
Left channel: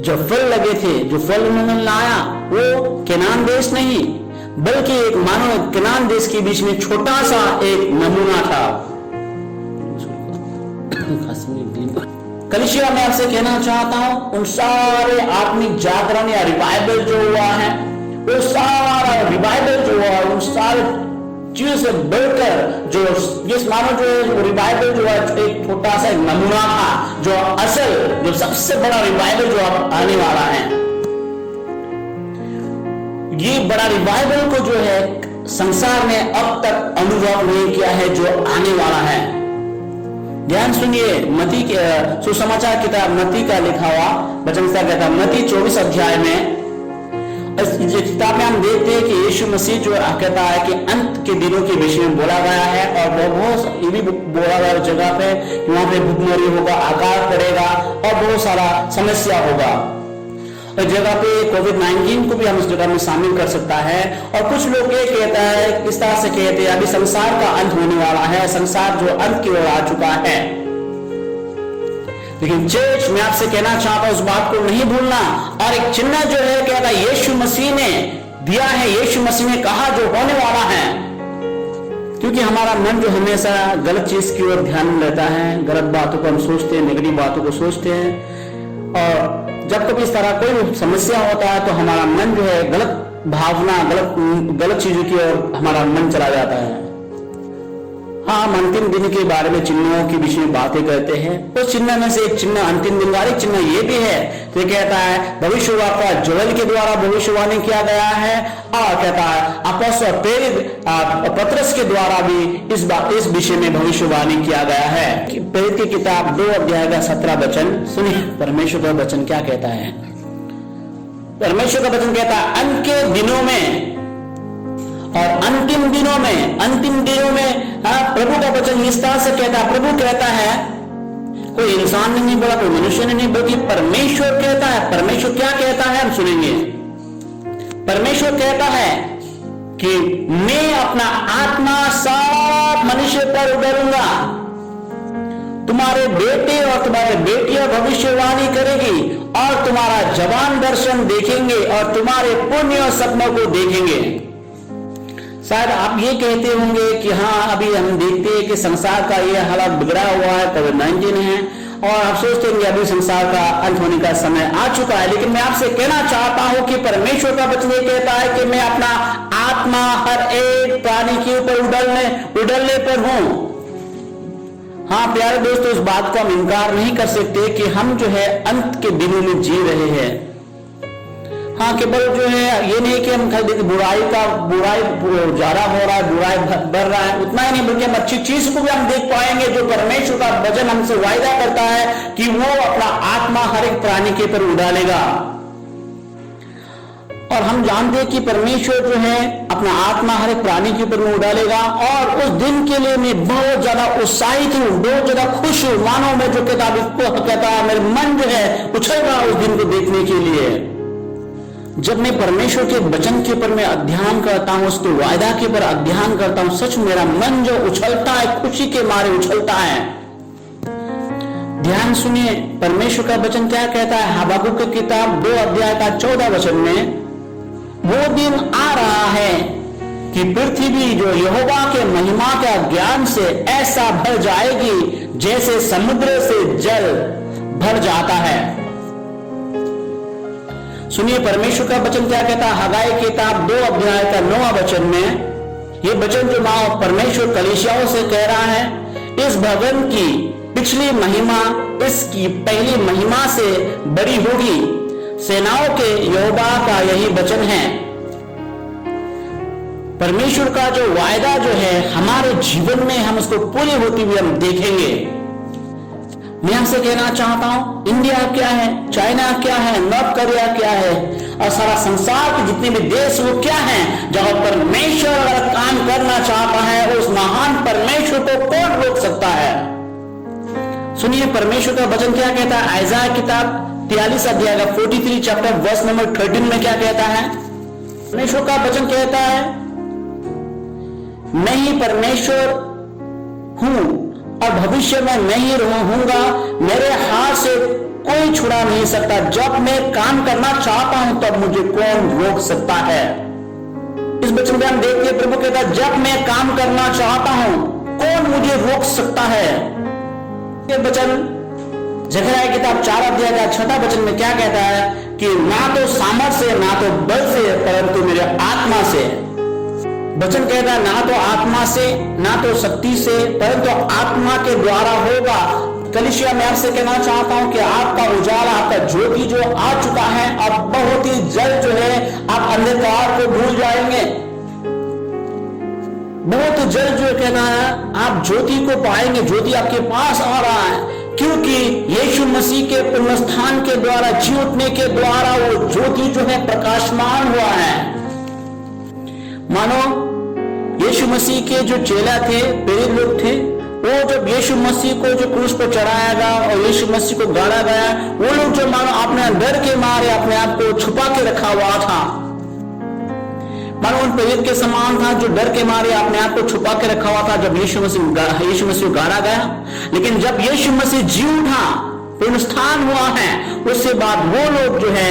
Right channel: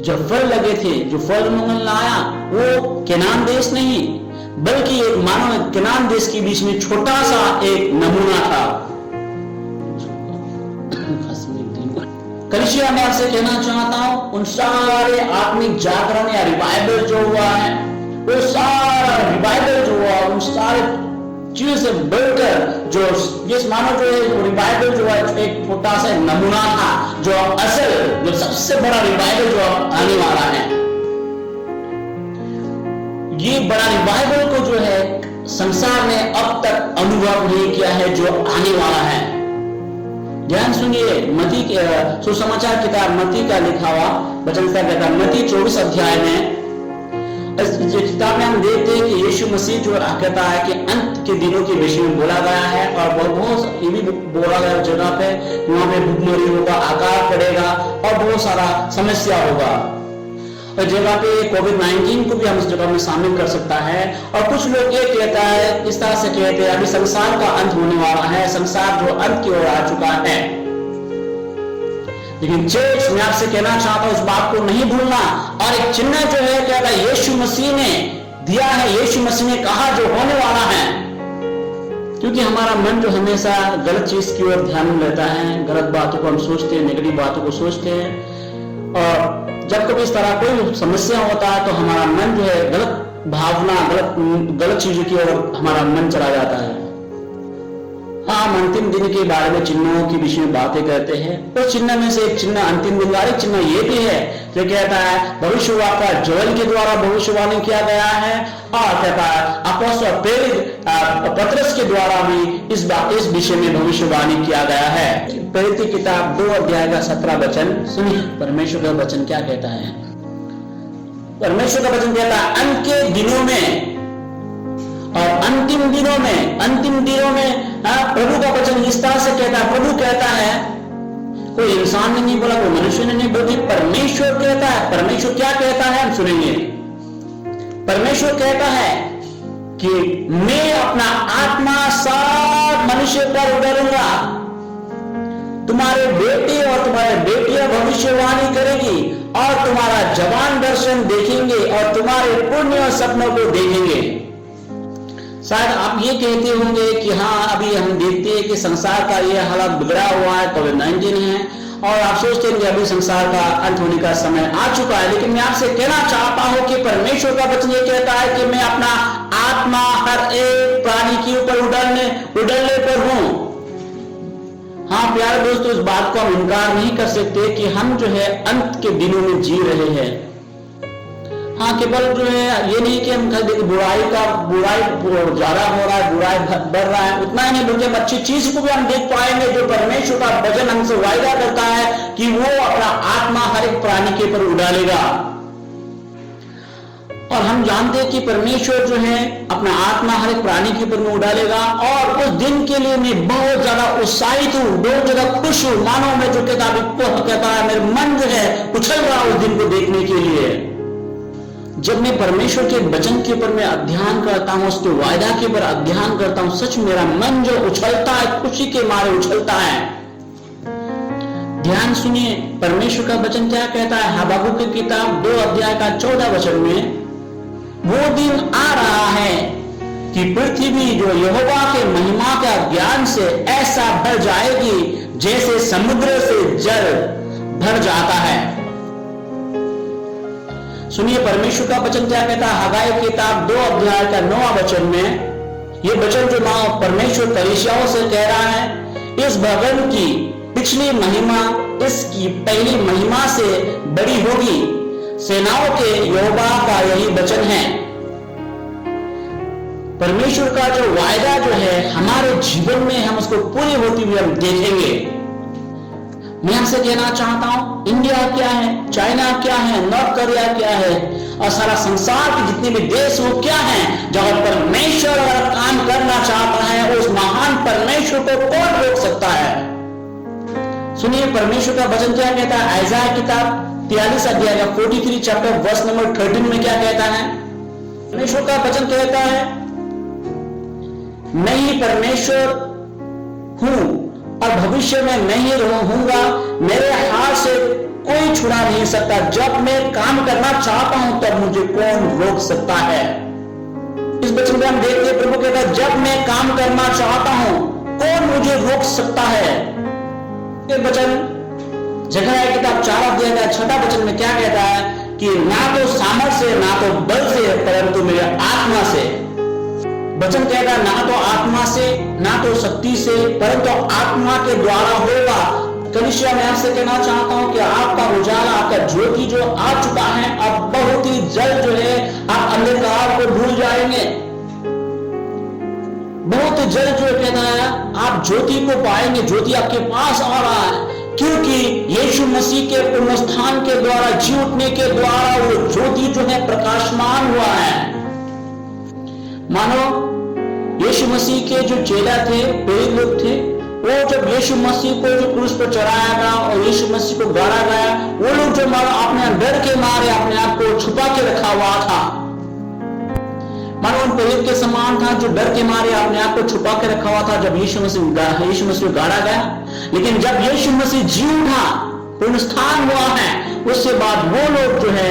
जो फल लगे थे, जो फल उन्होंने लाया वो केनान देश नहीं बल्कि एक मानव केनान देश के बीच में छोटा सा एक नमूना था। कलीसिया में आपसे कहना चाहता हूं उन सारे आत्मिक जागरण या रिवाइवल जो हुआ है, वो सारा रिवाइवल जो हुआ उन सारे चीजों से बढ़कर जो जिस मानो जो रिवाइवल जो है एक छोटा सा नमूना था, जो असल जो सबसे बड़ा रिवाइवल जो आने वाला है। ये बड़ा रिवाइवल को जो है संसार ने अब तक अनुभव नहीं किया है जो आने वाला है। ध्यान सुनिए, मत्ती के सुसमाचार किताब मत्ती का लिखा हुआ वचन कहता है, मत्ती 24 अध्याय में इस किताब में हम देखते हैं कि यीशु मसीह जो कहता है कि अंत के दिनों के विषय में बोला गया है। और वो बहुत ये भी बोला गया जगह पे वहां पे भूखमरी होगा, अकाल पड़ेगा और बहुत सारा समस्या होगा। जगह पे कोविड-19 को भी हम इस जगह में शामिल कर सकता है। और कुछ लोग ये कहता है, इस तरह से कहते हैं अभी संसार का अंत होने वाला है, संसार जो अंत की ओर आ चुका है। लेकिन चर्च में आपसे कहना चाहता हूं उस बात को नहीं भूलना। और एक चिन्ह जो है कहता है यीशु मसीह ने दिया है, यीशु मसीह ने कहा जो होने वाला है। क्योंकि हमारा मन जो हमेशा गलत चीज की ओर ध्यान रहता है, गलत बातों को हम सोचते हैं, नेगेटिव बातों को सोचते हैं। और जब कभी इस तरह कोई समस्या होता है तो हमारा मन जो है गलत भावना, गलत चीजों की ओर हमारा मन चला जाता है। हाँ, हम अंतिम दिन के बारे में चिन्हों के विषय में बातें करते हैं। उस चिन्ह में से एक चिन्ह अंतिम दिन का एक चिन्ह ये भी है, तो कहता है भविष्यवाणी जोएल के द्वारा भविष्यवाणी किया गया है, और कहता है अपोस्तल प्रेरित पतरस के द्वारा भी इस विषय में भविष्यवाणी किया गया है। प्रेरित की किताब 2 अध्याय का 17 वचन सुनिए, परमेश्वर का वचन क्या कहता है। परमेश्वर का वचन कहता है अंत के दिनों में और अंतिम दिनों में प्रभु का वचन इस तरह से कहता है, प्रभु कहता है, कोई इंसान ने नहीं बोला, कोई मनुष्य ने नहीं, बल्कि परमेश्वर कहता है। परमेश्वर क्या कहता है हम सुनेंगे। परमेश्वर कहता है कि मैं अपना आत्मा सब मनुष्य पर उड़ूंगा, तुम्हारे बेटे और तुम्हारे बेटियां भविष्यवाणी करेगी, और तुम्हारा जवान दर्शन देखेंगे, और तुम्हारे पुण्य सपनों को देखेंगे। शायद आप ये कहते होंगे कि हाँ, अभी हम देखते हैं कि संसार का ये हालत बिगड़ा हुआ है, कोविड-19 है, और आप सोचते हैं कि अभी संसार का अंत होने का समय आ चुका है। लेकिन मैं आपसे कहना चाहता हूं कि परमेश्वर का वचन ये कहता है कि मैं अपना आत्मा हर एक प्राणी के ऊपर उड़ने पर हूं। हाँ प्यारे दोस्तों, इस बात को हम इनकार नहीं कर सकते कि हम जो है अंत के दिनों में जी रहे हैं। हाँ, केवल जो है ये नहीं कि हम खाली बुराई ज्यादा हो रहा है, बुराई बढ़ रहा है, उतना ही नहीं, बल्कि हम अच्छी चीज को भी हम देख पाएंगे। जो परमेश्वर का वचन हमसे वायदा करता है कि वो अपना आत्मा हर एक प्राणी के ऊपर उड़ालेगा। और हम जानते हैं कि परमेश्वर जो है अपना आत्मा हर एक प्राणी के ऊपर उड़ालेगा, और उस दिन के लिए मैं बहुत ज्यादा उत्साहित हूँ, बहुत ज्यादा खुश हूँ। मानो मैं जो कहता है, मेरे मन जो है उछल रहा उस दिन को देखने के लिए। जब मैं परमेश्वर के वचन के ऊपर मैं अध्ययन करता हूं, उसके वायदा के ऊपर अध्ययन करता हूं, सच मेरा मन जो उछलता है, खुशी के मारे उछलता है। ध्यान सुनिए, परमेश्वर का वचन क्या कहता है। हबक्कुक की किताब 2 अध्याय का 14 वचन में, वो दिन आ रहा है कि पृथ्वी जो यहोवा के महिमा का ज्ञान से ऐसा भर जाएगी जैसे समुद्र से जल भर जाता है। सुनिए परमेश्वर का वचन क्या कहता है। हगाई की किताब 2 अध्याय का 9 वचन में, ये वचन जो नाम परमेश्वर कलीसियाओं से कह रहा है, इस भवन की पिछली महिमा इसकी पहली महिमा से बड़ी होगी। सेनाओं के यहोवा का यही वचन है। परमेश्वर का जो वायदा जो है हमारे जीवन में हम उसको पूरी होती हुई हम देखेंगे। मैं आपसे कहना चाहता हूं, इंडिया क्या है, चाइना क्या है, नॉर्थ कोरिया क्या है, और सारा संसार के जितने भी देश वो क्या है, जहां परमेश्वर अगर काम करना चाहता है, उस महान परमेश्वर को कौन रोक सकता है। सुनिए परमेश्वर का वचन क्या कहता है। आइज़ाया किताब 43 अध्याय का 43 चैप्टर वर्स नंबर 13 में क्या कहता है। परमेश्वर का वचन कहता है, मैं ही परमेश्वर हूं और भविष्य में मैं ही रहूंगा, मेरे हाथ से कोई छुड़ा नहीं सकता। जब मैं काम करना चाहता हूं तब मुझे कौन रोक सकता है। इस वचन में हम देखते हैं प्रभु कहता है, जब मैं काम करना चाहता हूं कौन मुझे रोक सकता है। ये वचन जकरिया किताब 4 अध्याय का 6 वचन में क्या कहता है कि ना तो सामर्थ से ना तो बल से परंतु मेरे आत्मा से। वचन कहता है ना तो आत्मा से ना तो शक्ति से परंतु आत्मा के द्वारा होगा। कलीसिया मैं आपसे कहना चाहता हूं कि आपका उजाला, आपका ज्योति जो आ चुका है, आप बहुत ही जल्द जो है आप अंधकार को भूल जाएंगे। बहुत जल्द जो कहना है आप ज्योति को पाएंगे। ज्योति आपके पास आ रहा है, क्योंकि यीशु मसीह के पुनरुत्थान के द्वारा, जी उठने के द्वारा वो ज्योति जो है प्रकाशमान हुआ है। मानो यीशु मसीह के जो चेला थे, प्रेरित लोग थे, वो जब यीशु मसीह को जो क्रूस पर चढ़ाया गया और यीशु मसीह को गाड़ा गया, वो लोग जो मानो अपने डर के मारे अपने आप को छुपा के रखा हुआ था। मानो उन प्रेरित के समान था जो डर के मारे अपने आप को छुपा के रखा हुआ था जब यीशु मसीह गाड़ा गया। लेकिन जब यीशु मसीह जी उठा, पुनरुत्थान हुआ है, उसके बाद वो लोग जो है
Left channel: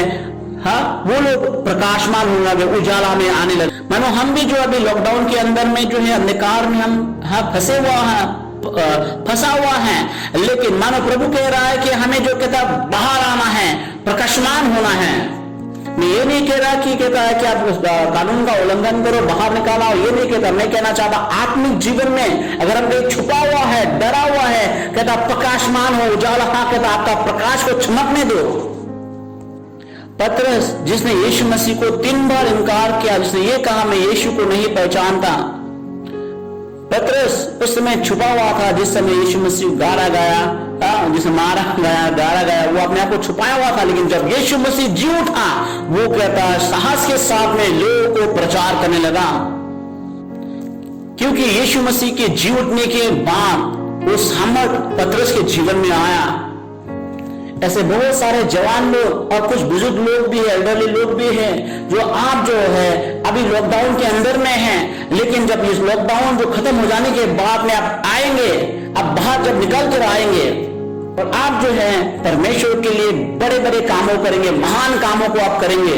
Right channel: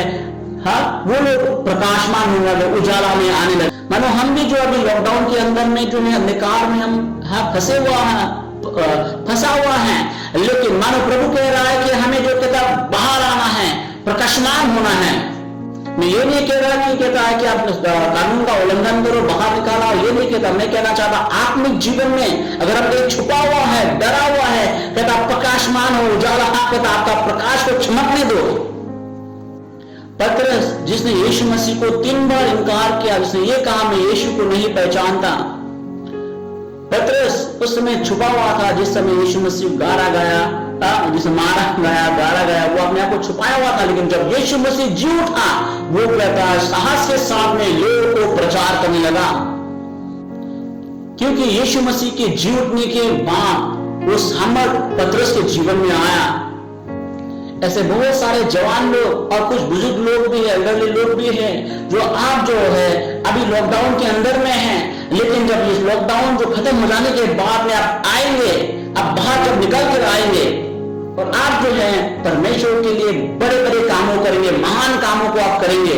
वो लोग प्रकाशमान होने लगे, उजाला में आने लगे। मानो हम भी जो अभी लॉकडाउन के अंदर में जो है अंधकार में हम फंसा हुआ है, लेकिन मानो प्रभु कह रहा है कि हमें जो कहता बाहर आना है, प्रकाशमान होना है। मैं ये नहीं कह रहा कि कहता है कि आप उस कानून का उल्लंघन करो, बाहर निकाला, ये नहीं कहता। मैं कहना चाहता आत्मिक जीवन में अगर हम कहीं छुपा हुआ है, डरा हुआ है, कहता प्रकाशमान हो, उजाला, कहता आपका प्रकाश को चमकने दो। पतरस जिसने यीशु मसीह को 3 बार इनकार किया, जिसने ये कहा मैं यीशु को नहीं पहचानता, पतरस उस समय छुपा हुआ था जिस समय यीशु मसीह गारा गया, जिसे मारा गया, गारा गया, वो अपने आप को छुपाया हुआ था। लेकिन जब यीशु मसीह जी उठा, वो कहता है साहस के साथ में लोगों को प्रचार करने लगा, क्योंकि यीशु मसीह के जी उठने के बाद उस हमर पतरस के जीवन में आया। ऐसे बहुत सारे जवान लोग और कुछ बुजुर्ग लोग भी है, एल्डरली लोग भी हैं, जो आप जो है अभी लॉकडाउन के अंदर में हैं, लेकिन जब इस लॉकडाउन जो खत्म हो जाने के बाद में आप आएंगे, आप बाहर जब निकल कर आएंगे और आप जो है परमेश्वर के लिए बड़े बड़े कामों करेंगे, महान कामों को आप करेंगे।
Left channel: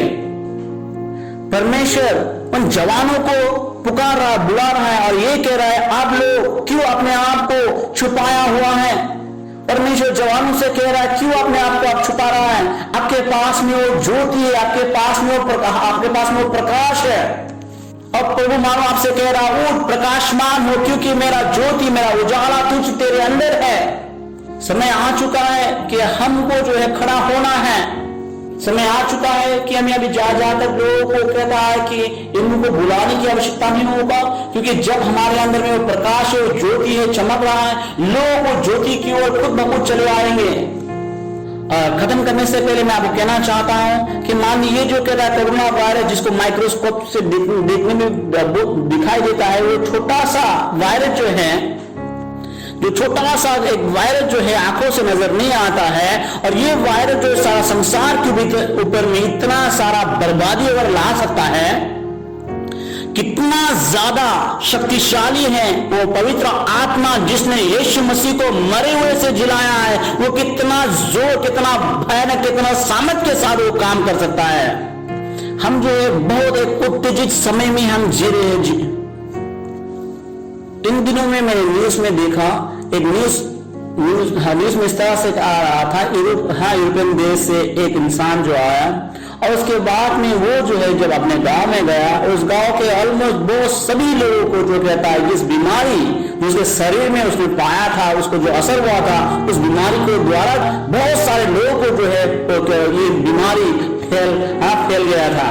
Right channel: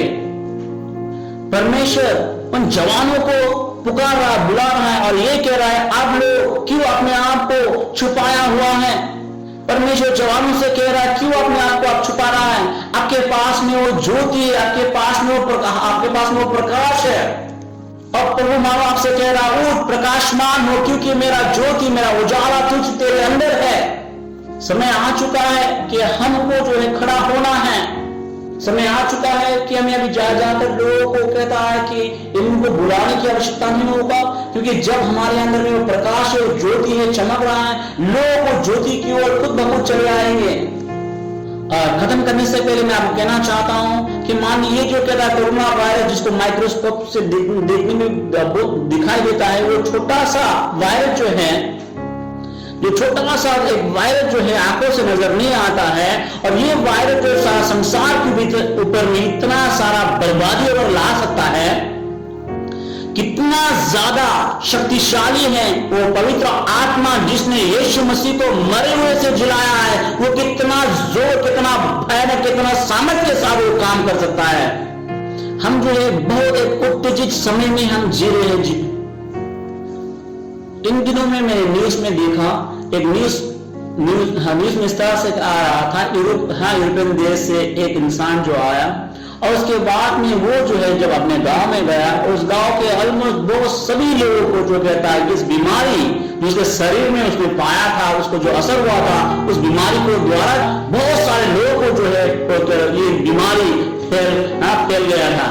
परमेश्वर उन जवानों को पुकार रहा, बुला रहा है और ये कह रहा है आप लोग क्यों अपने आप को छुपाया हुआ है। परमेश्वर जवानों से कह रहा है क्यों अपने आप को आप छुपा रहा है। आपके पास में वो ज्योति है, आपके पास में वो प्रकाश है। और प्रभु मानो आपसे कह रहा है उठ प्रकाशमान हो, क्योंकि मेरा ज्योति, मेरा उजाला तुझ तेरे अंदर है। समय आ चुका है कि हमको जो है खड़ा होना है। समय आ चुका है कि हमें अभी जा तक लोगों को कहता है कि इनको बुलाने की आवश्यकता नहीं होगा, क्योंकि जब हमारे अंदर में वो प्रकाश है, वो ज्योति है, चमक रहा है, लोग वो ज्योति की ओर खुद ब खुद चले आएंगे। और खत्म करने से पहले मैं आपको कहना चाहता हूं कि मानिए ये जो कहता है कोरोना वायरस, जिसको माइक्रोस्कोप से देखने में दिखाई देता है, वो छोटा सा वायरस जो है, जो छोटा सा एक वायरस जो है आंखों से नजर नहीं आता है, और ये वायरस जो सारा संसार के ऊपर में इतना सारा बर्बादी अगर ला सकता है, कितना ज्यादा शक्तिशाली है वो पवित्र आत्मा जिसने यीशु मसीह को मरे हुए से जिलाया है, वो कितना जोर, कितना भयानक, कितना सामर्थ्य के साथ वो काम कर सकता है। हम जो है बहुत एक उत्तेजित समय में हम जी रहे हैं। जी इन दिनों में मैंने न्यूज में देखा, एक न्यूज में इस तरह से आ रहा था, यूरोपियन देश से एक इंसान जो आया और उसके बाद में वो जो है जब अपने गांव में गया, उस गांव के ऑलमोस्ट बहुत सभी लोगों को जो कहता है इस बीमारी जो उसके शरीर में उसने पाया था, उसको जो असर हुआ था, उस बीमारी को द्वारा बहुत सारे लोगों को जो है ये बीमारी फैल गया था।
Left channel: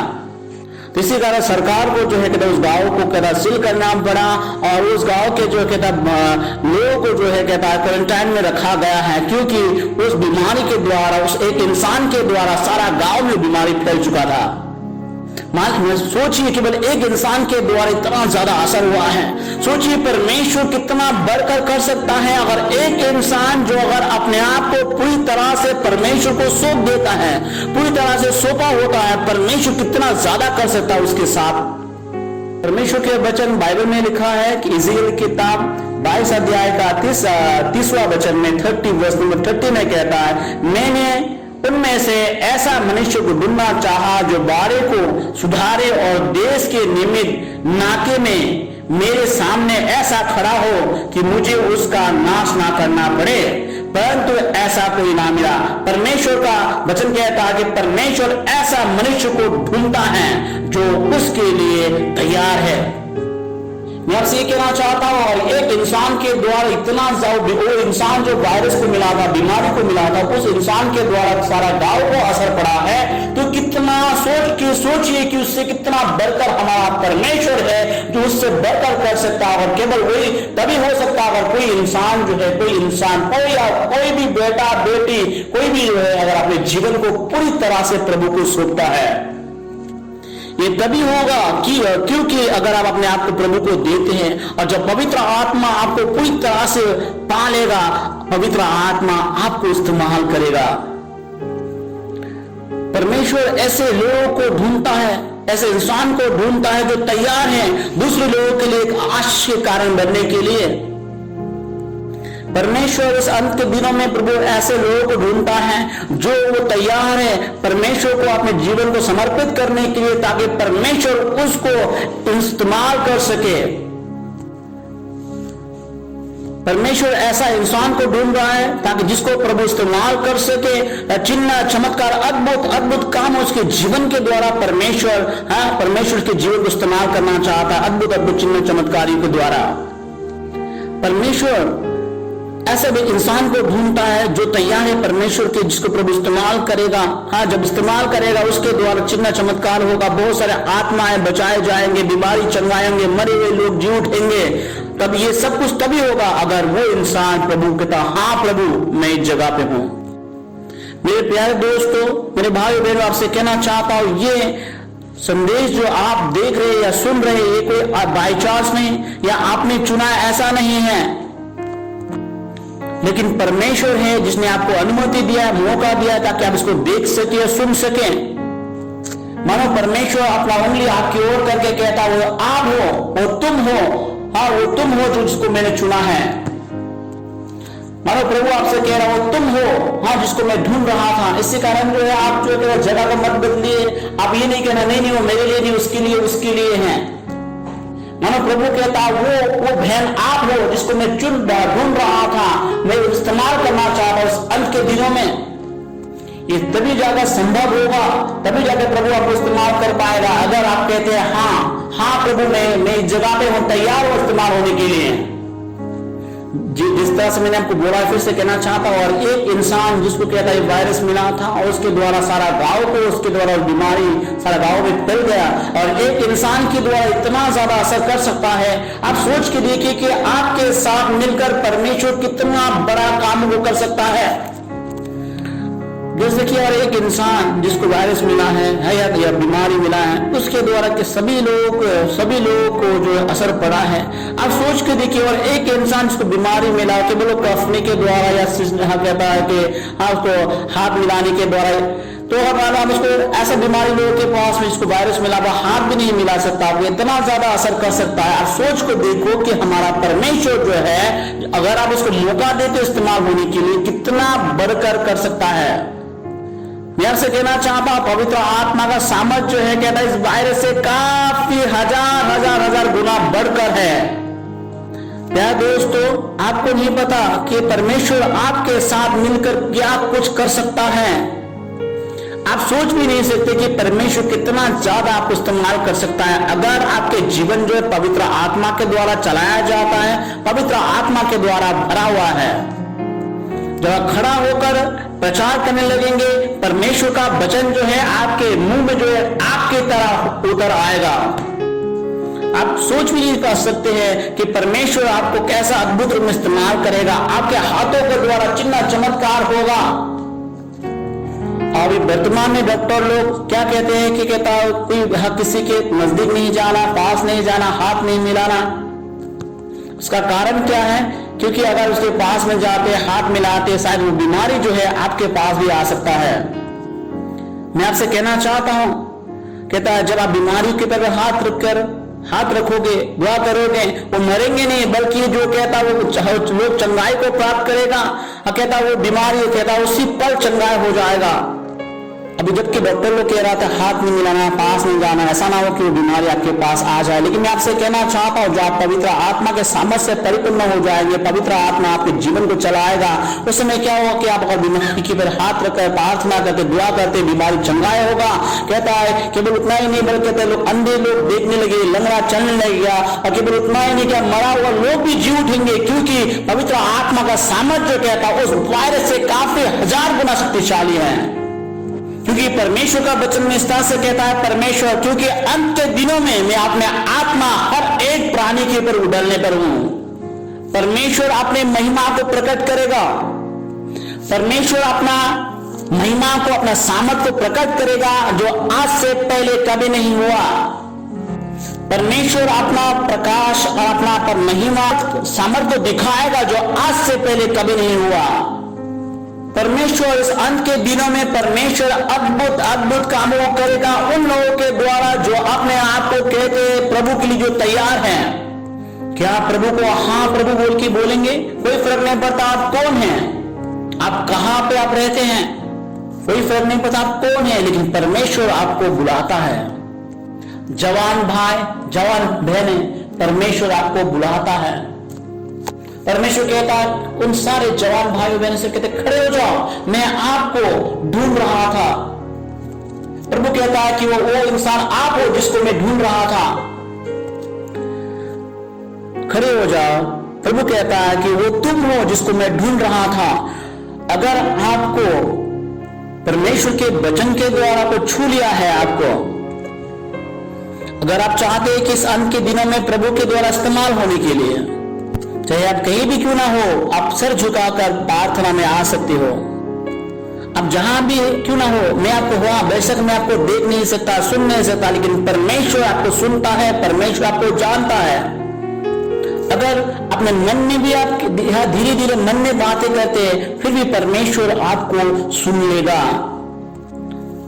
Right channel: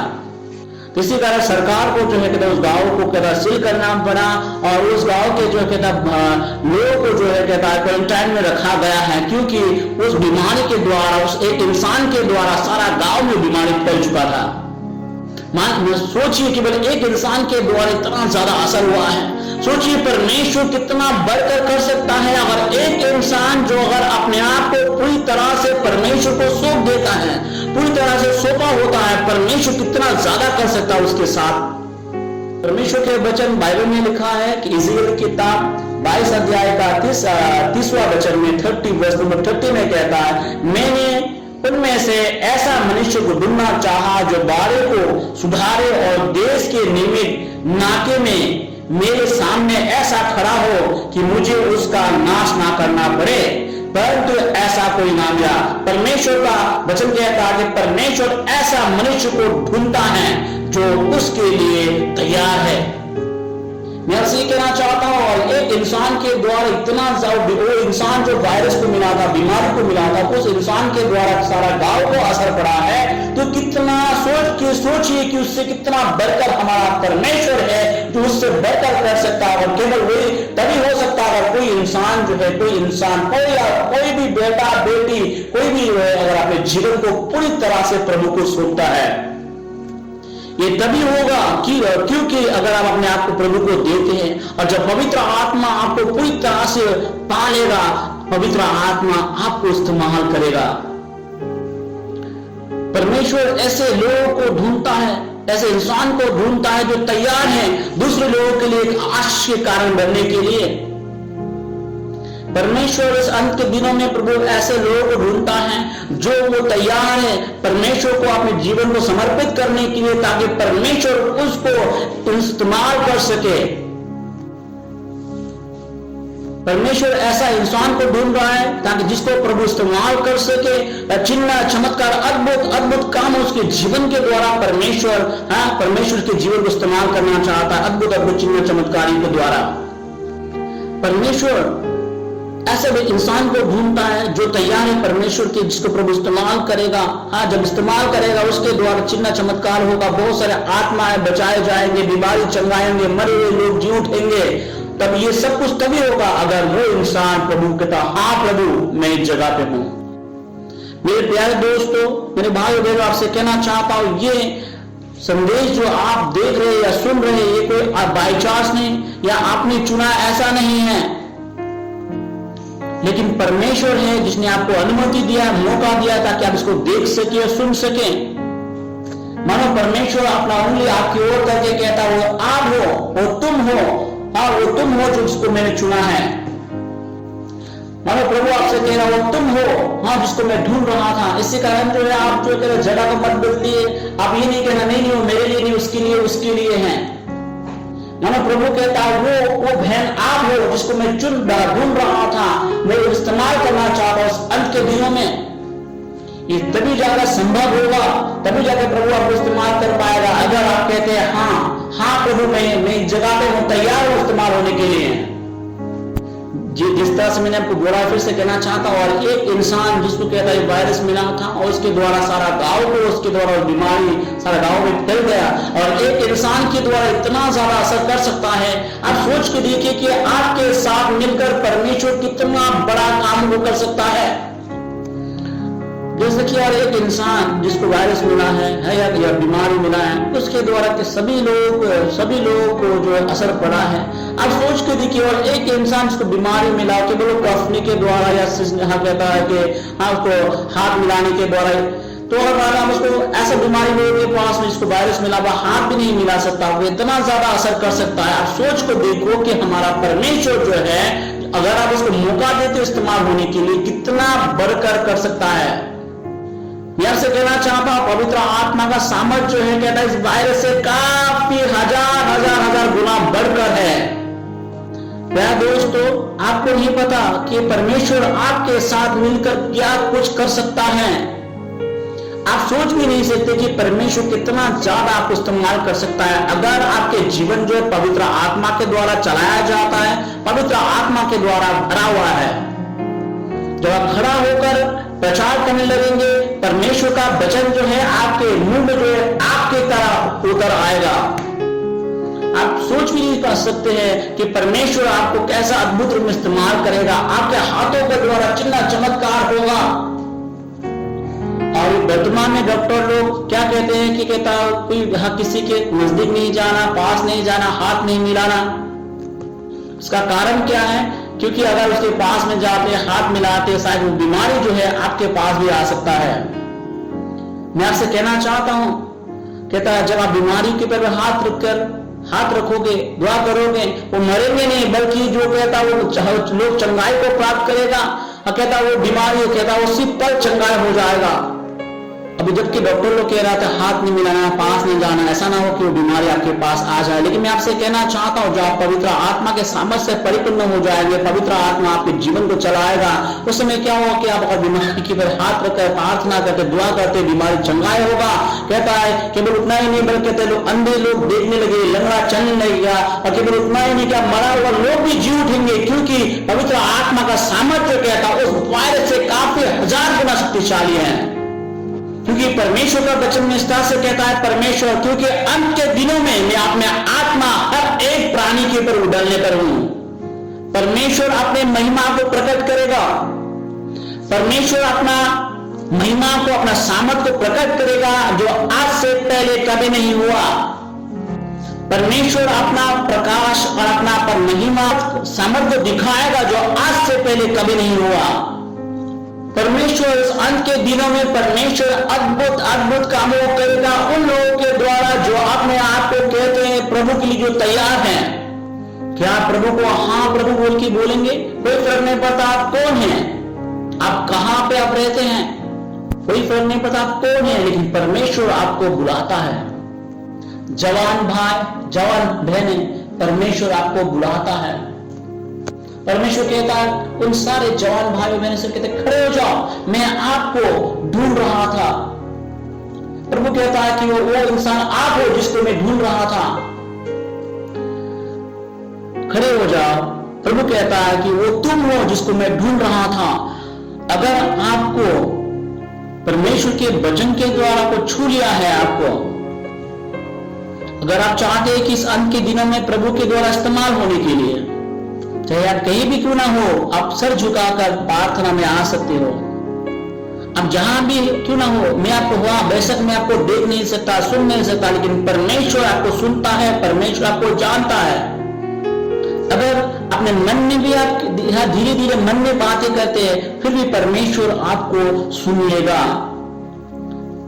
तो इसी कारण सरकार को जो है कहता उस गांव को कहता सील करना पड़ा और उस गांव के जो कहता लोगों को जो है कहता क्वारंटाइन में रखा गया है, क्योंकि उस बीमारी के द्वारा, उस एक इंसान के द्वारा सारा गांव में बीमारी फैल चुका था। सोचिए केवल एक इंसान के द्वारा इतना ज्यादा असर हुआ है। सोचिए परमेश्वर कितना बढ़कर कर सकता है। अगर एक इंसान जो अगर अपने आप को पूरी तरह से परमेश्वर को सौंप देता है, पूरी तरह से सौंपा होता है, परमेश्वर कितना ज्यादा कर सकता है उसके साथ। परमेश्वर के वचन बाइबल में लिखा है कि इज़राइल की किताब 22 अध्याय का 30वां वचन में 30 वर्ष नंबर 30 में कहता है, मैंने उनमें से ऐसा मनुष्य को ढूंढना चाहा जो बारे को सुधारे और देश के निमित्त नाके में मेरे सामने ऐसा खड़ा हो कि मुझे उसका नाश ना करना पड़े, परंतु ऐसा कोई ना मिला। परमेश्वर का वचन कहता है कि परमेश्वर ऐसा मनुष्य को ढूंढता है जो उसके लिए तैयार है। मैं आपसे ये कहना चाहता हूं, और एक इंसान के द्वारा इतना वो इंसान जो वायरस को मिला था, बीमारी को मिला था, उस इंसान के द्वारा सारा गांव को असर पड़ा है, तो कितना सोचिए कि उससे कितना बढ़कर हमारा परमेश्वर है जो उससे बढ़कर कर सकता है। और केवल वही तभी हो सकता है अगर कोई इंसान जो है, कोई इंसान, कोई भी बेटा बेटी, कोई भी जो है अगर अपने जीवन को पूरी तरह से प्रभु को सौंपता है। ये तभी होगा क्योंकि अगर आप अपने आप को प्रभु को देते हैं, और जब पवित्र आत्मा आपको पूरी तरह से पालेगा, पवित्र आत्मा आपको इस्तेमाल करेगा। परमेश्वर ऐसे लोगों को ढूंढता है, ऐसे इंसान को ढूंढता है जो तैयार है दूसरे लोगों के लिए एक आश्चर्य कारण बनने के लिए। परमेश्वर इस अंत के दिनों में प्रभु ऐसे लोगों को ढूंढता है जो वो तैयार है परमेश्वर को अपने जीवन को समर्पित करने के लिए, ताकि परमेश्वर उसको इस्तेमाल कर सके। परमेश्वर ऐसा इंसान को ढूंढ रहा है ताकि जिसको प्रभु इस्तेमाल कर सके, चिन्ह चमत्कार अद्भुत अद्भुत काम उसके जीवन के द्वारा परमेश्वर के जीवन को इस्तेमाल करना चाहता है, अद्भुत अद्भुत चिन्ह चमत्कारी के द्वारा। परमेश्वर ऐसे भी इंसान को ढूंढता है जो तैयार है परमेश्वर के, जिसको प्रभु इस्तेमाल करेगा। जब इस्तेमाल करेगा उसके द्वारा चिन्ह चमत्कार होगा, बहुत सारे आत्माएं बचाए जाएंगे, बीमारी चंगाएंगे, मरे हुए लोग जी उठेंगे। तब ये सब कुछ तभी होगा अगर वो इंसान प्रभु कहता, हाँ प्रभु मैं इस जगह पे हूं। मेरे प्यारे दोस्तों, मेरे भाई बहनों, आपसे कहना चाहता हूं, ये संदेश जो आप देख रहे या सुन रहे, ये कोई बाई चांस नहीं या आपने चुना, ऐसा नहीं है, लेकिन परमेश्वर है जिसने आपको अनुमति दिया, मौका दिया ताकि आप इसको देख सके और सुन सके। मानो परमेश्वर अपना उंगली आपकी ओर करके कहता है, वो आप हो, वो तुम हो, वो तुम हो जो जिसको मैंने चुना है। मानो प्रभु आपसे कह रहा, वो तुम हो, जिसको मैं ढूंढ रहा था। इसी कारण जो है आप जो है जगह को मत बदलिए। आप ये नहीं कहना नहीं वो मेरे लिए नहीं, उसके लिए है। मानो प्रभु कहता है, वो बहन आप हो जिसको मैं ढूंढ रहा था, मैं इस्तेमाल करना चाहता हूं अंत के दिनों में। ये तभी ज्यादा संभव होगा, तभी ज्यादा प्रभु आपको इस्तेमाल कर पाएगा अगर आप कहते हैं, हाँ प्रभु मैं इस जगह पे हूं, तैयार हूं इस्तेमाल होने के लिए। जिस तरह से मैंने आपको बोला, फिर से कहना चाहता हूं, और एक इंसान जिसको कहता है वायरस मिला था और उसके द्वारा सारा गांव को, उसके द्वारा बीमारी सारा गांव में फैल गया, और एक इंसान के द्वारा इतना ज्यादा असर कर सकता है। आप सोच के देखिए कि आपके साथ मिलकर परमेश्वर कितना बड़ा काम वो कर सकता है। जैसे कि और एक इंसान जिसको वायरस मिला है या बीमारी मिला है, उसके द्वारा के सभी लोग को जो असर पड़ा है। आप सोच के देखिए, और एक इंसान जिसको बीमारी मिला केवल कफनी के द्वारा या कहता है कि उसको हाथ मिलाने के द्वारा, तो हम उसको ऐसा बीमारी लोगों के पास में जिसको वायरस मिला हुआ हाथ भी नहीं मिला सकता, वो इतना ज्यादा असर कर सकता है। आप सोच को देखो कि हमारा परमेश्वर जो है, अगर आप उसको मौका देते इस्तेमाल होने के लिए, कितना बढ़कर कर सकता है। मैं आपसे कहना चाहता हूं, पवित्र आत्मा का सामर्थ जो है कहता है इस वायरस से काफी हजार गुना बढ़कर है। क्या दोस्तों, आपको नहीं पता कि परमेश्वर आपके साथ मिलकर क्या कुछ कर सकता है। आप सोच भी नहीं सकते कि परमेश्वर कितना ज्यादा आपको इस्तेमाल कर सकता है अगर आपके जीवन जो है पवित्र आत्मा के द्वारा चलाया जाता है, पवित्र आत्मा के द्वारा भरा हुआ है। जब आप खड़ा होकर प्रचार करने लगेंगे, परमेश्वर का वचन जो है आपके मुंह में जो है आपके तरह उतर आएगा। आप सोच भी नहीं कर सकते हैं कि परमेश्वर आपको कैसा अद्भुत रूप में इस्तेमाल करेगा। आपके हाथों के द्वारा चिन्ह चमत्कार होगा। और वर्तमान में डॉक्टर लोग क्या कहते हैं कि कहता कोई किसी के नजदीक नहीं जाना, पास नहीं जाना, हाथ नहीं मिलाना। इसका कारण क्या है? क्योंकि अगर उसके पास में जाते, हाथ मिलाते, शायद वो बीमारी जो है आपके पास भी आ सकता है। मैं आपसे कहना चाहता हूं, कहता है जब आप बीमारी के पर हाथ रखोगे, दुआ करोगे, वो मरेंगे नहीं, बल्कि जो कहता वो लोग चंगाई को प्राप्त करेगा। और कहता वो बीमारी कहता उसी पर चंगाई हो जाएगा। अभी जबकि डॉक्टर लोग कह रहा था हाथ नहीं मिलाना, पास नहीं जाना, ऐसा ना हो कि वो बीमारी आपके पास आ जाए। लेकिन मैं आपसे कहना चाहता हूँ, जो आप पवित्र आत्मा के सामर्थ्य से परिपूर्ण हो जाएंगे, पवित्र आत्मा आपके जीवन को चलाएगा, उस समय क्या होगा कि आप अगर बीमारी के पर हाथ रखकर प्रार्थना करके दुआ करते, बीमारी चंगाई होगा। कहता है केवल उतना ही नहीं, बल्कि कहते लोग अंधे लोग देखने लगे, लंगड़ा चलने लगेगा। और केवल उतना ही नहीं, क्या मरा हुआ लोग भी जी उठेंगे, क्योंकि पवित्र आत्मा का सामर्थ्य कहता है उस वायरस से काफी 1000 गुना शक्तिशाली है। क्योंकि परमेश्वर का वचन में इस तरह से कहता है परमेश्वर, क्योंकि अंत के दिनों में मैं अपने आत्मा हर एक प्राणी के ऊपर उड़ाने पर हूं। परमेश्वर अपने महिमा को प्रकट करेगा। परमेश्वर अपना महिमा को, अपना सामर्थ्य प्रकट करेगा जो आज से पहले कभी नहीं हुआ। परमेश्वर अपना प्रकाश और अपना महिमा सामर्थ्य दिखाएगा जो आज से पहले कभी नहीं हुआ। परमेश्वर इस अंत के दिनों में परमेश्वर अद्भुत कामों करेगा उन लोगों के द्वारा जो अपने आप को कहते हैं प्रभु के लिए जो तैयार हैं। क्या प्रभु को हाँ प्रभु बोल के बोलेंगे? कोई फर्क नहीं पड़ता आप कौन हैं, आप कहां पे आप रहते हैं, कोई फर्क नहीं पड़ता आप कौन है, लेकिन परमेश्वर आपको बुलाता है। जवान भाई, जवान बहनें, परमेश्वर आपको बुलाता है। परमेश्वर कहता है उन सारे जवान भाइयों बहनों से कहते खड़े हो जाओ, मैं आपको ढूंढ रहा था। प्रभु कहता है कि वो इंसान आप हो जिसको मैं ढूंढ रहा था, खड़े हो जाओ। प्रभु कहता है कि वो तुम हो जिसको मैं ढूंढ रहा था। अगर आपको परमेश्वर के वचन के द्वारा को छू लिया है, आपको अगर आप चाहते हैं कि इस अंत के दिनों में प्रभु के द्वारा इस्तेमाल होने के लिए, चाहे आप कहीं भी क्यों ना हो, आप सर झुकाकर प्रार्थना में आ सकते हो। अब जहां भी क्यों ना हो, मैं आपको बेशक मैं आपको देख नहीं सकता, सुन नहीं सकता, लेकिन परमेश्वर आपको सुनता है, परमेश्वर आपको जानता है। अगर अपने मन में भी आप धीरे धीरे मन में बातें करते हैं, फिर भी परमेश्वर आपको सुन लेगा,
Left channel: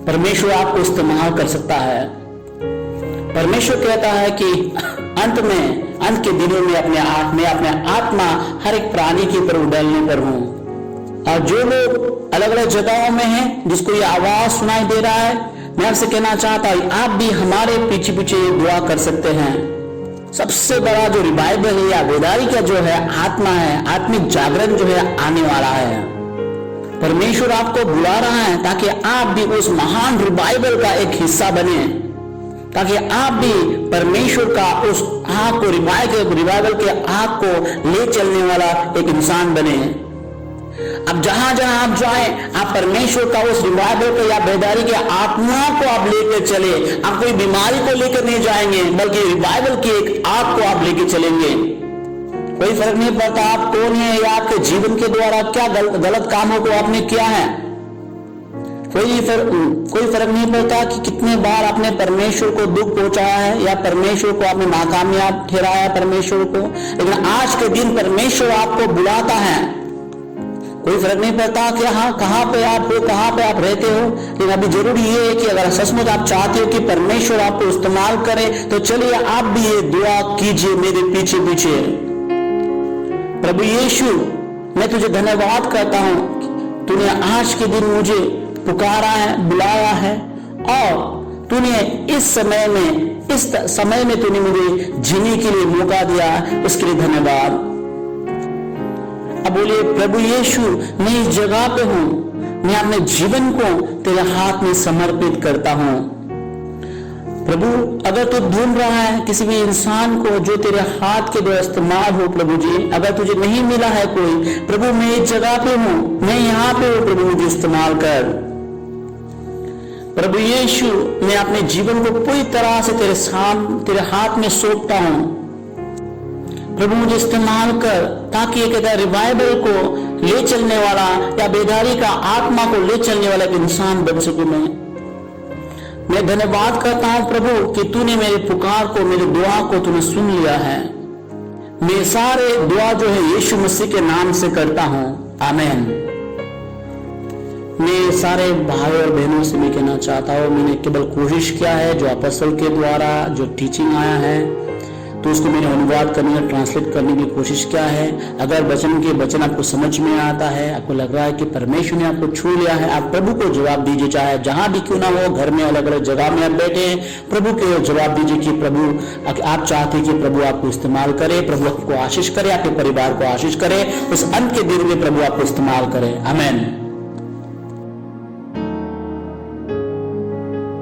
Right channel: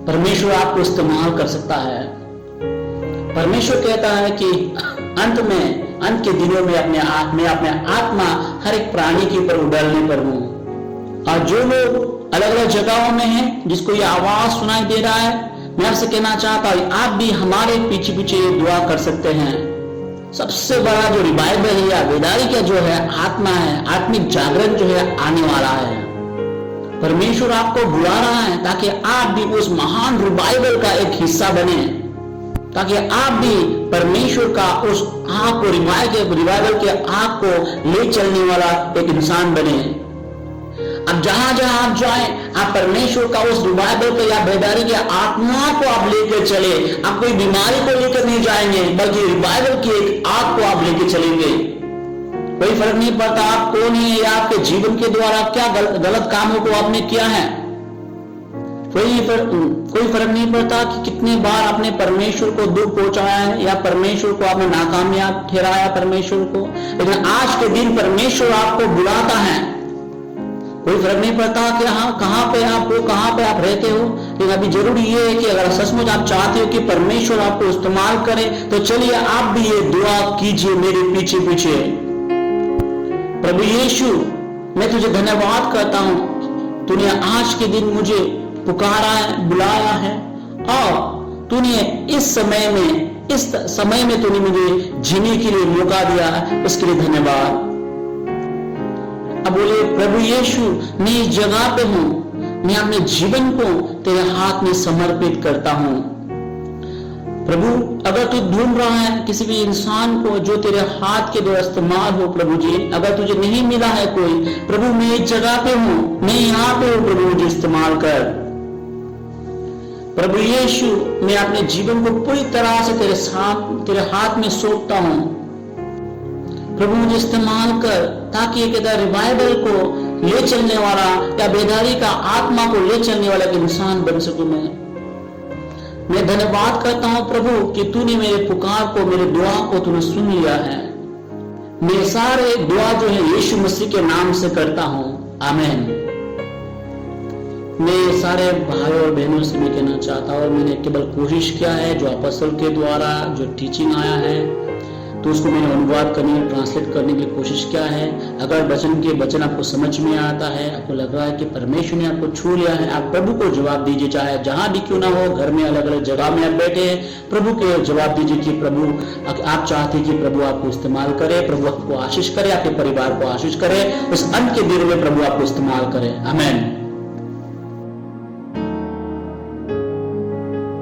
परमेश्वर आपको इस्तेमाल कर सकता है। परमेश्वर कहता है कि अंत के दिनों में अपने आत्मा हर एक प्राणी के ऊपर उड़ालने पर हूं। और जो लोग अलग अलग जगहों में हैं, जिसको ये आवाज सुनाई दे रहा है, मैं आपसे कहना चाहता हूं आप भी हमारे पीछे पीछे दुआ कर सकते हैं। सबसे बड़ा जो रिवाइवल है या बेदारी का जो है आत्मा है, आत्मिक जागरण जो है आने वाला है। परमेश्वर आपको बुला रहा है ताकि आप भी उस महान रिवाइवल का एक हिस्सा बने, ताकि आप भी परमेश्वर का उस आग को रिवाइवल के आग को ले चलने वाला एक इंसान बने। अब जहां जहां आप जाए, आप परमेश्वर का उस रिवाइवल के या बेदारी के आत्मा को आप लेकर चले। आप कोई बीमारी को लेकर नहीं जाएंगे, बल्कि रिवाइवल की एक आग को आप लेकर चलेंगे। कोई फर्क नहीं पड़ता आप कौन है या आपके जीवन के द्वारा क्या गलत कामों को आपने किया है। कोई फर्क नहीं पड़ता कि कितनी बार आपने परमेश्वर को दुख पहुंचाया है या परमेश्वर को आपने नाकामयाब ठहराया परमेश्वर को, लेकिन आज के दिन परमेश्वर आपको बुलाता है। कोई फर्क नहीं पड़ता कि हाँ कहाँ पे आप हो, कहाँ पे आप रहते हो, लेकिन अभी जरूरी ये है कि अगर सचमुच आप चाहते हो कि परमेश्वर आपको इस्तेमाल करे, तो चलिए आप भी ये दुआ कीजिए मेरे पीछे पीछे। प्रभु यीशु, मैं तुझे धन्यवाद करता हूँ, तूने आज के दिन मुझे पुकारा है, बुलाया है, और तूने इस समय में तूने मुझे जीने के लिए मौका दिया, इसके लिए धन्यवाद। अब बोलिए प्रभु यीशु, मैं इस जगह पे हूं, मैं अपने जीवन को तेरे हाथ में समर्पित करता हूं। प्रभु अगर तू ढूंढ रहा है किसी भी इंसान को जो तेरे हाथ के द्वारा इस्तेमाल हो, प्रभु जी अगर तुझे नहीं मिला है कोई, प्रभु मैं इस जगह पे हूं, मैं यहाँ पे हूं, प्रभु मुझे इस्तेमाल कर। प्रभु यीशु, मैं अपने जीवन को पूरी तरह से तेरे हाथ में सौंपता हूं। प्रभु मुझे इस्तेमाल कर, ताकि एक रिवाइवल को ले चलने वाला या बेदारी का आत्मा को ले चलने वाला एक इंसान बन सकूं। मैं धन्यवाद करता हूं प्रभु कि तूने मेरे पुकार को, मेरे दुआ को तूने सुन लिया है। मैं सारे दुआ जो है यीशु मसीह के नाम से करता हूं, आमीन। मैं सारे भाइयों और बहनों से मैं कहना चाहता हूँ, मैंने केवल कोशिश किया है जो अपोस्तल के द्वारा जो टीचिंग आया है, तो उसको मैंने अनुवाद करने और ट्रांसलेट करने की कोशिश किया है। अगर वचन आपको समझ में आता है, आपको लग रहा है कि परमेश्वर ने आपको छू लिया है, आप प्रभु को जवाब दीजिए, चाहे जहां भी क्यों ना हो, घर में अलग अलग जगह में आप बैठे, प्रभु के जवाब दीजिए कि प्रभु आप चाहते हैं कि प्रभु आपको इस्तेमाल करे, प्रभु आपको आशीष करे, आपके परिवार को आशीष करे, इस अंत के दिन में प्रभु आपको इस्तेमाल करे, आमीन।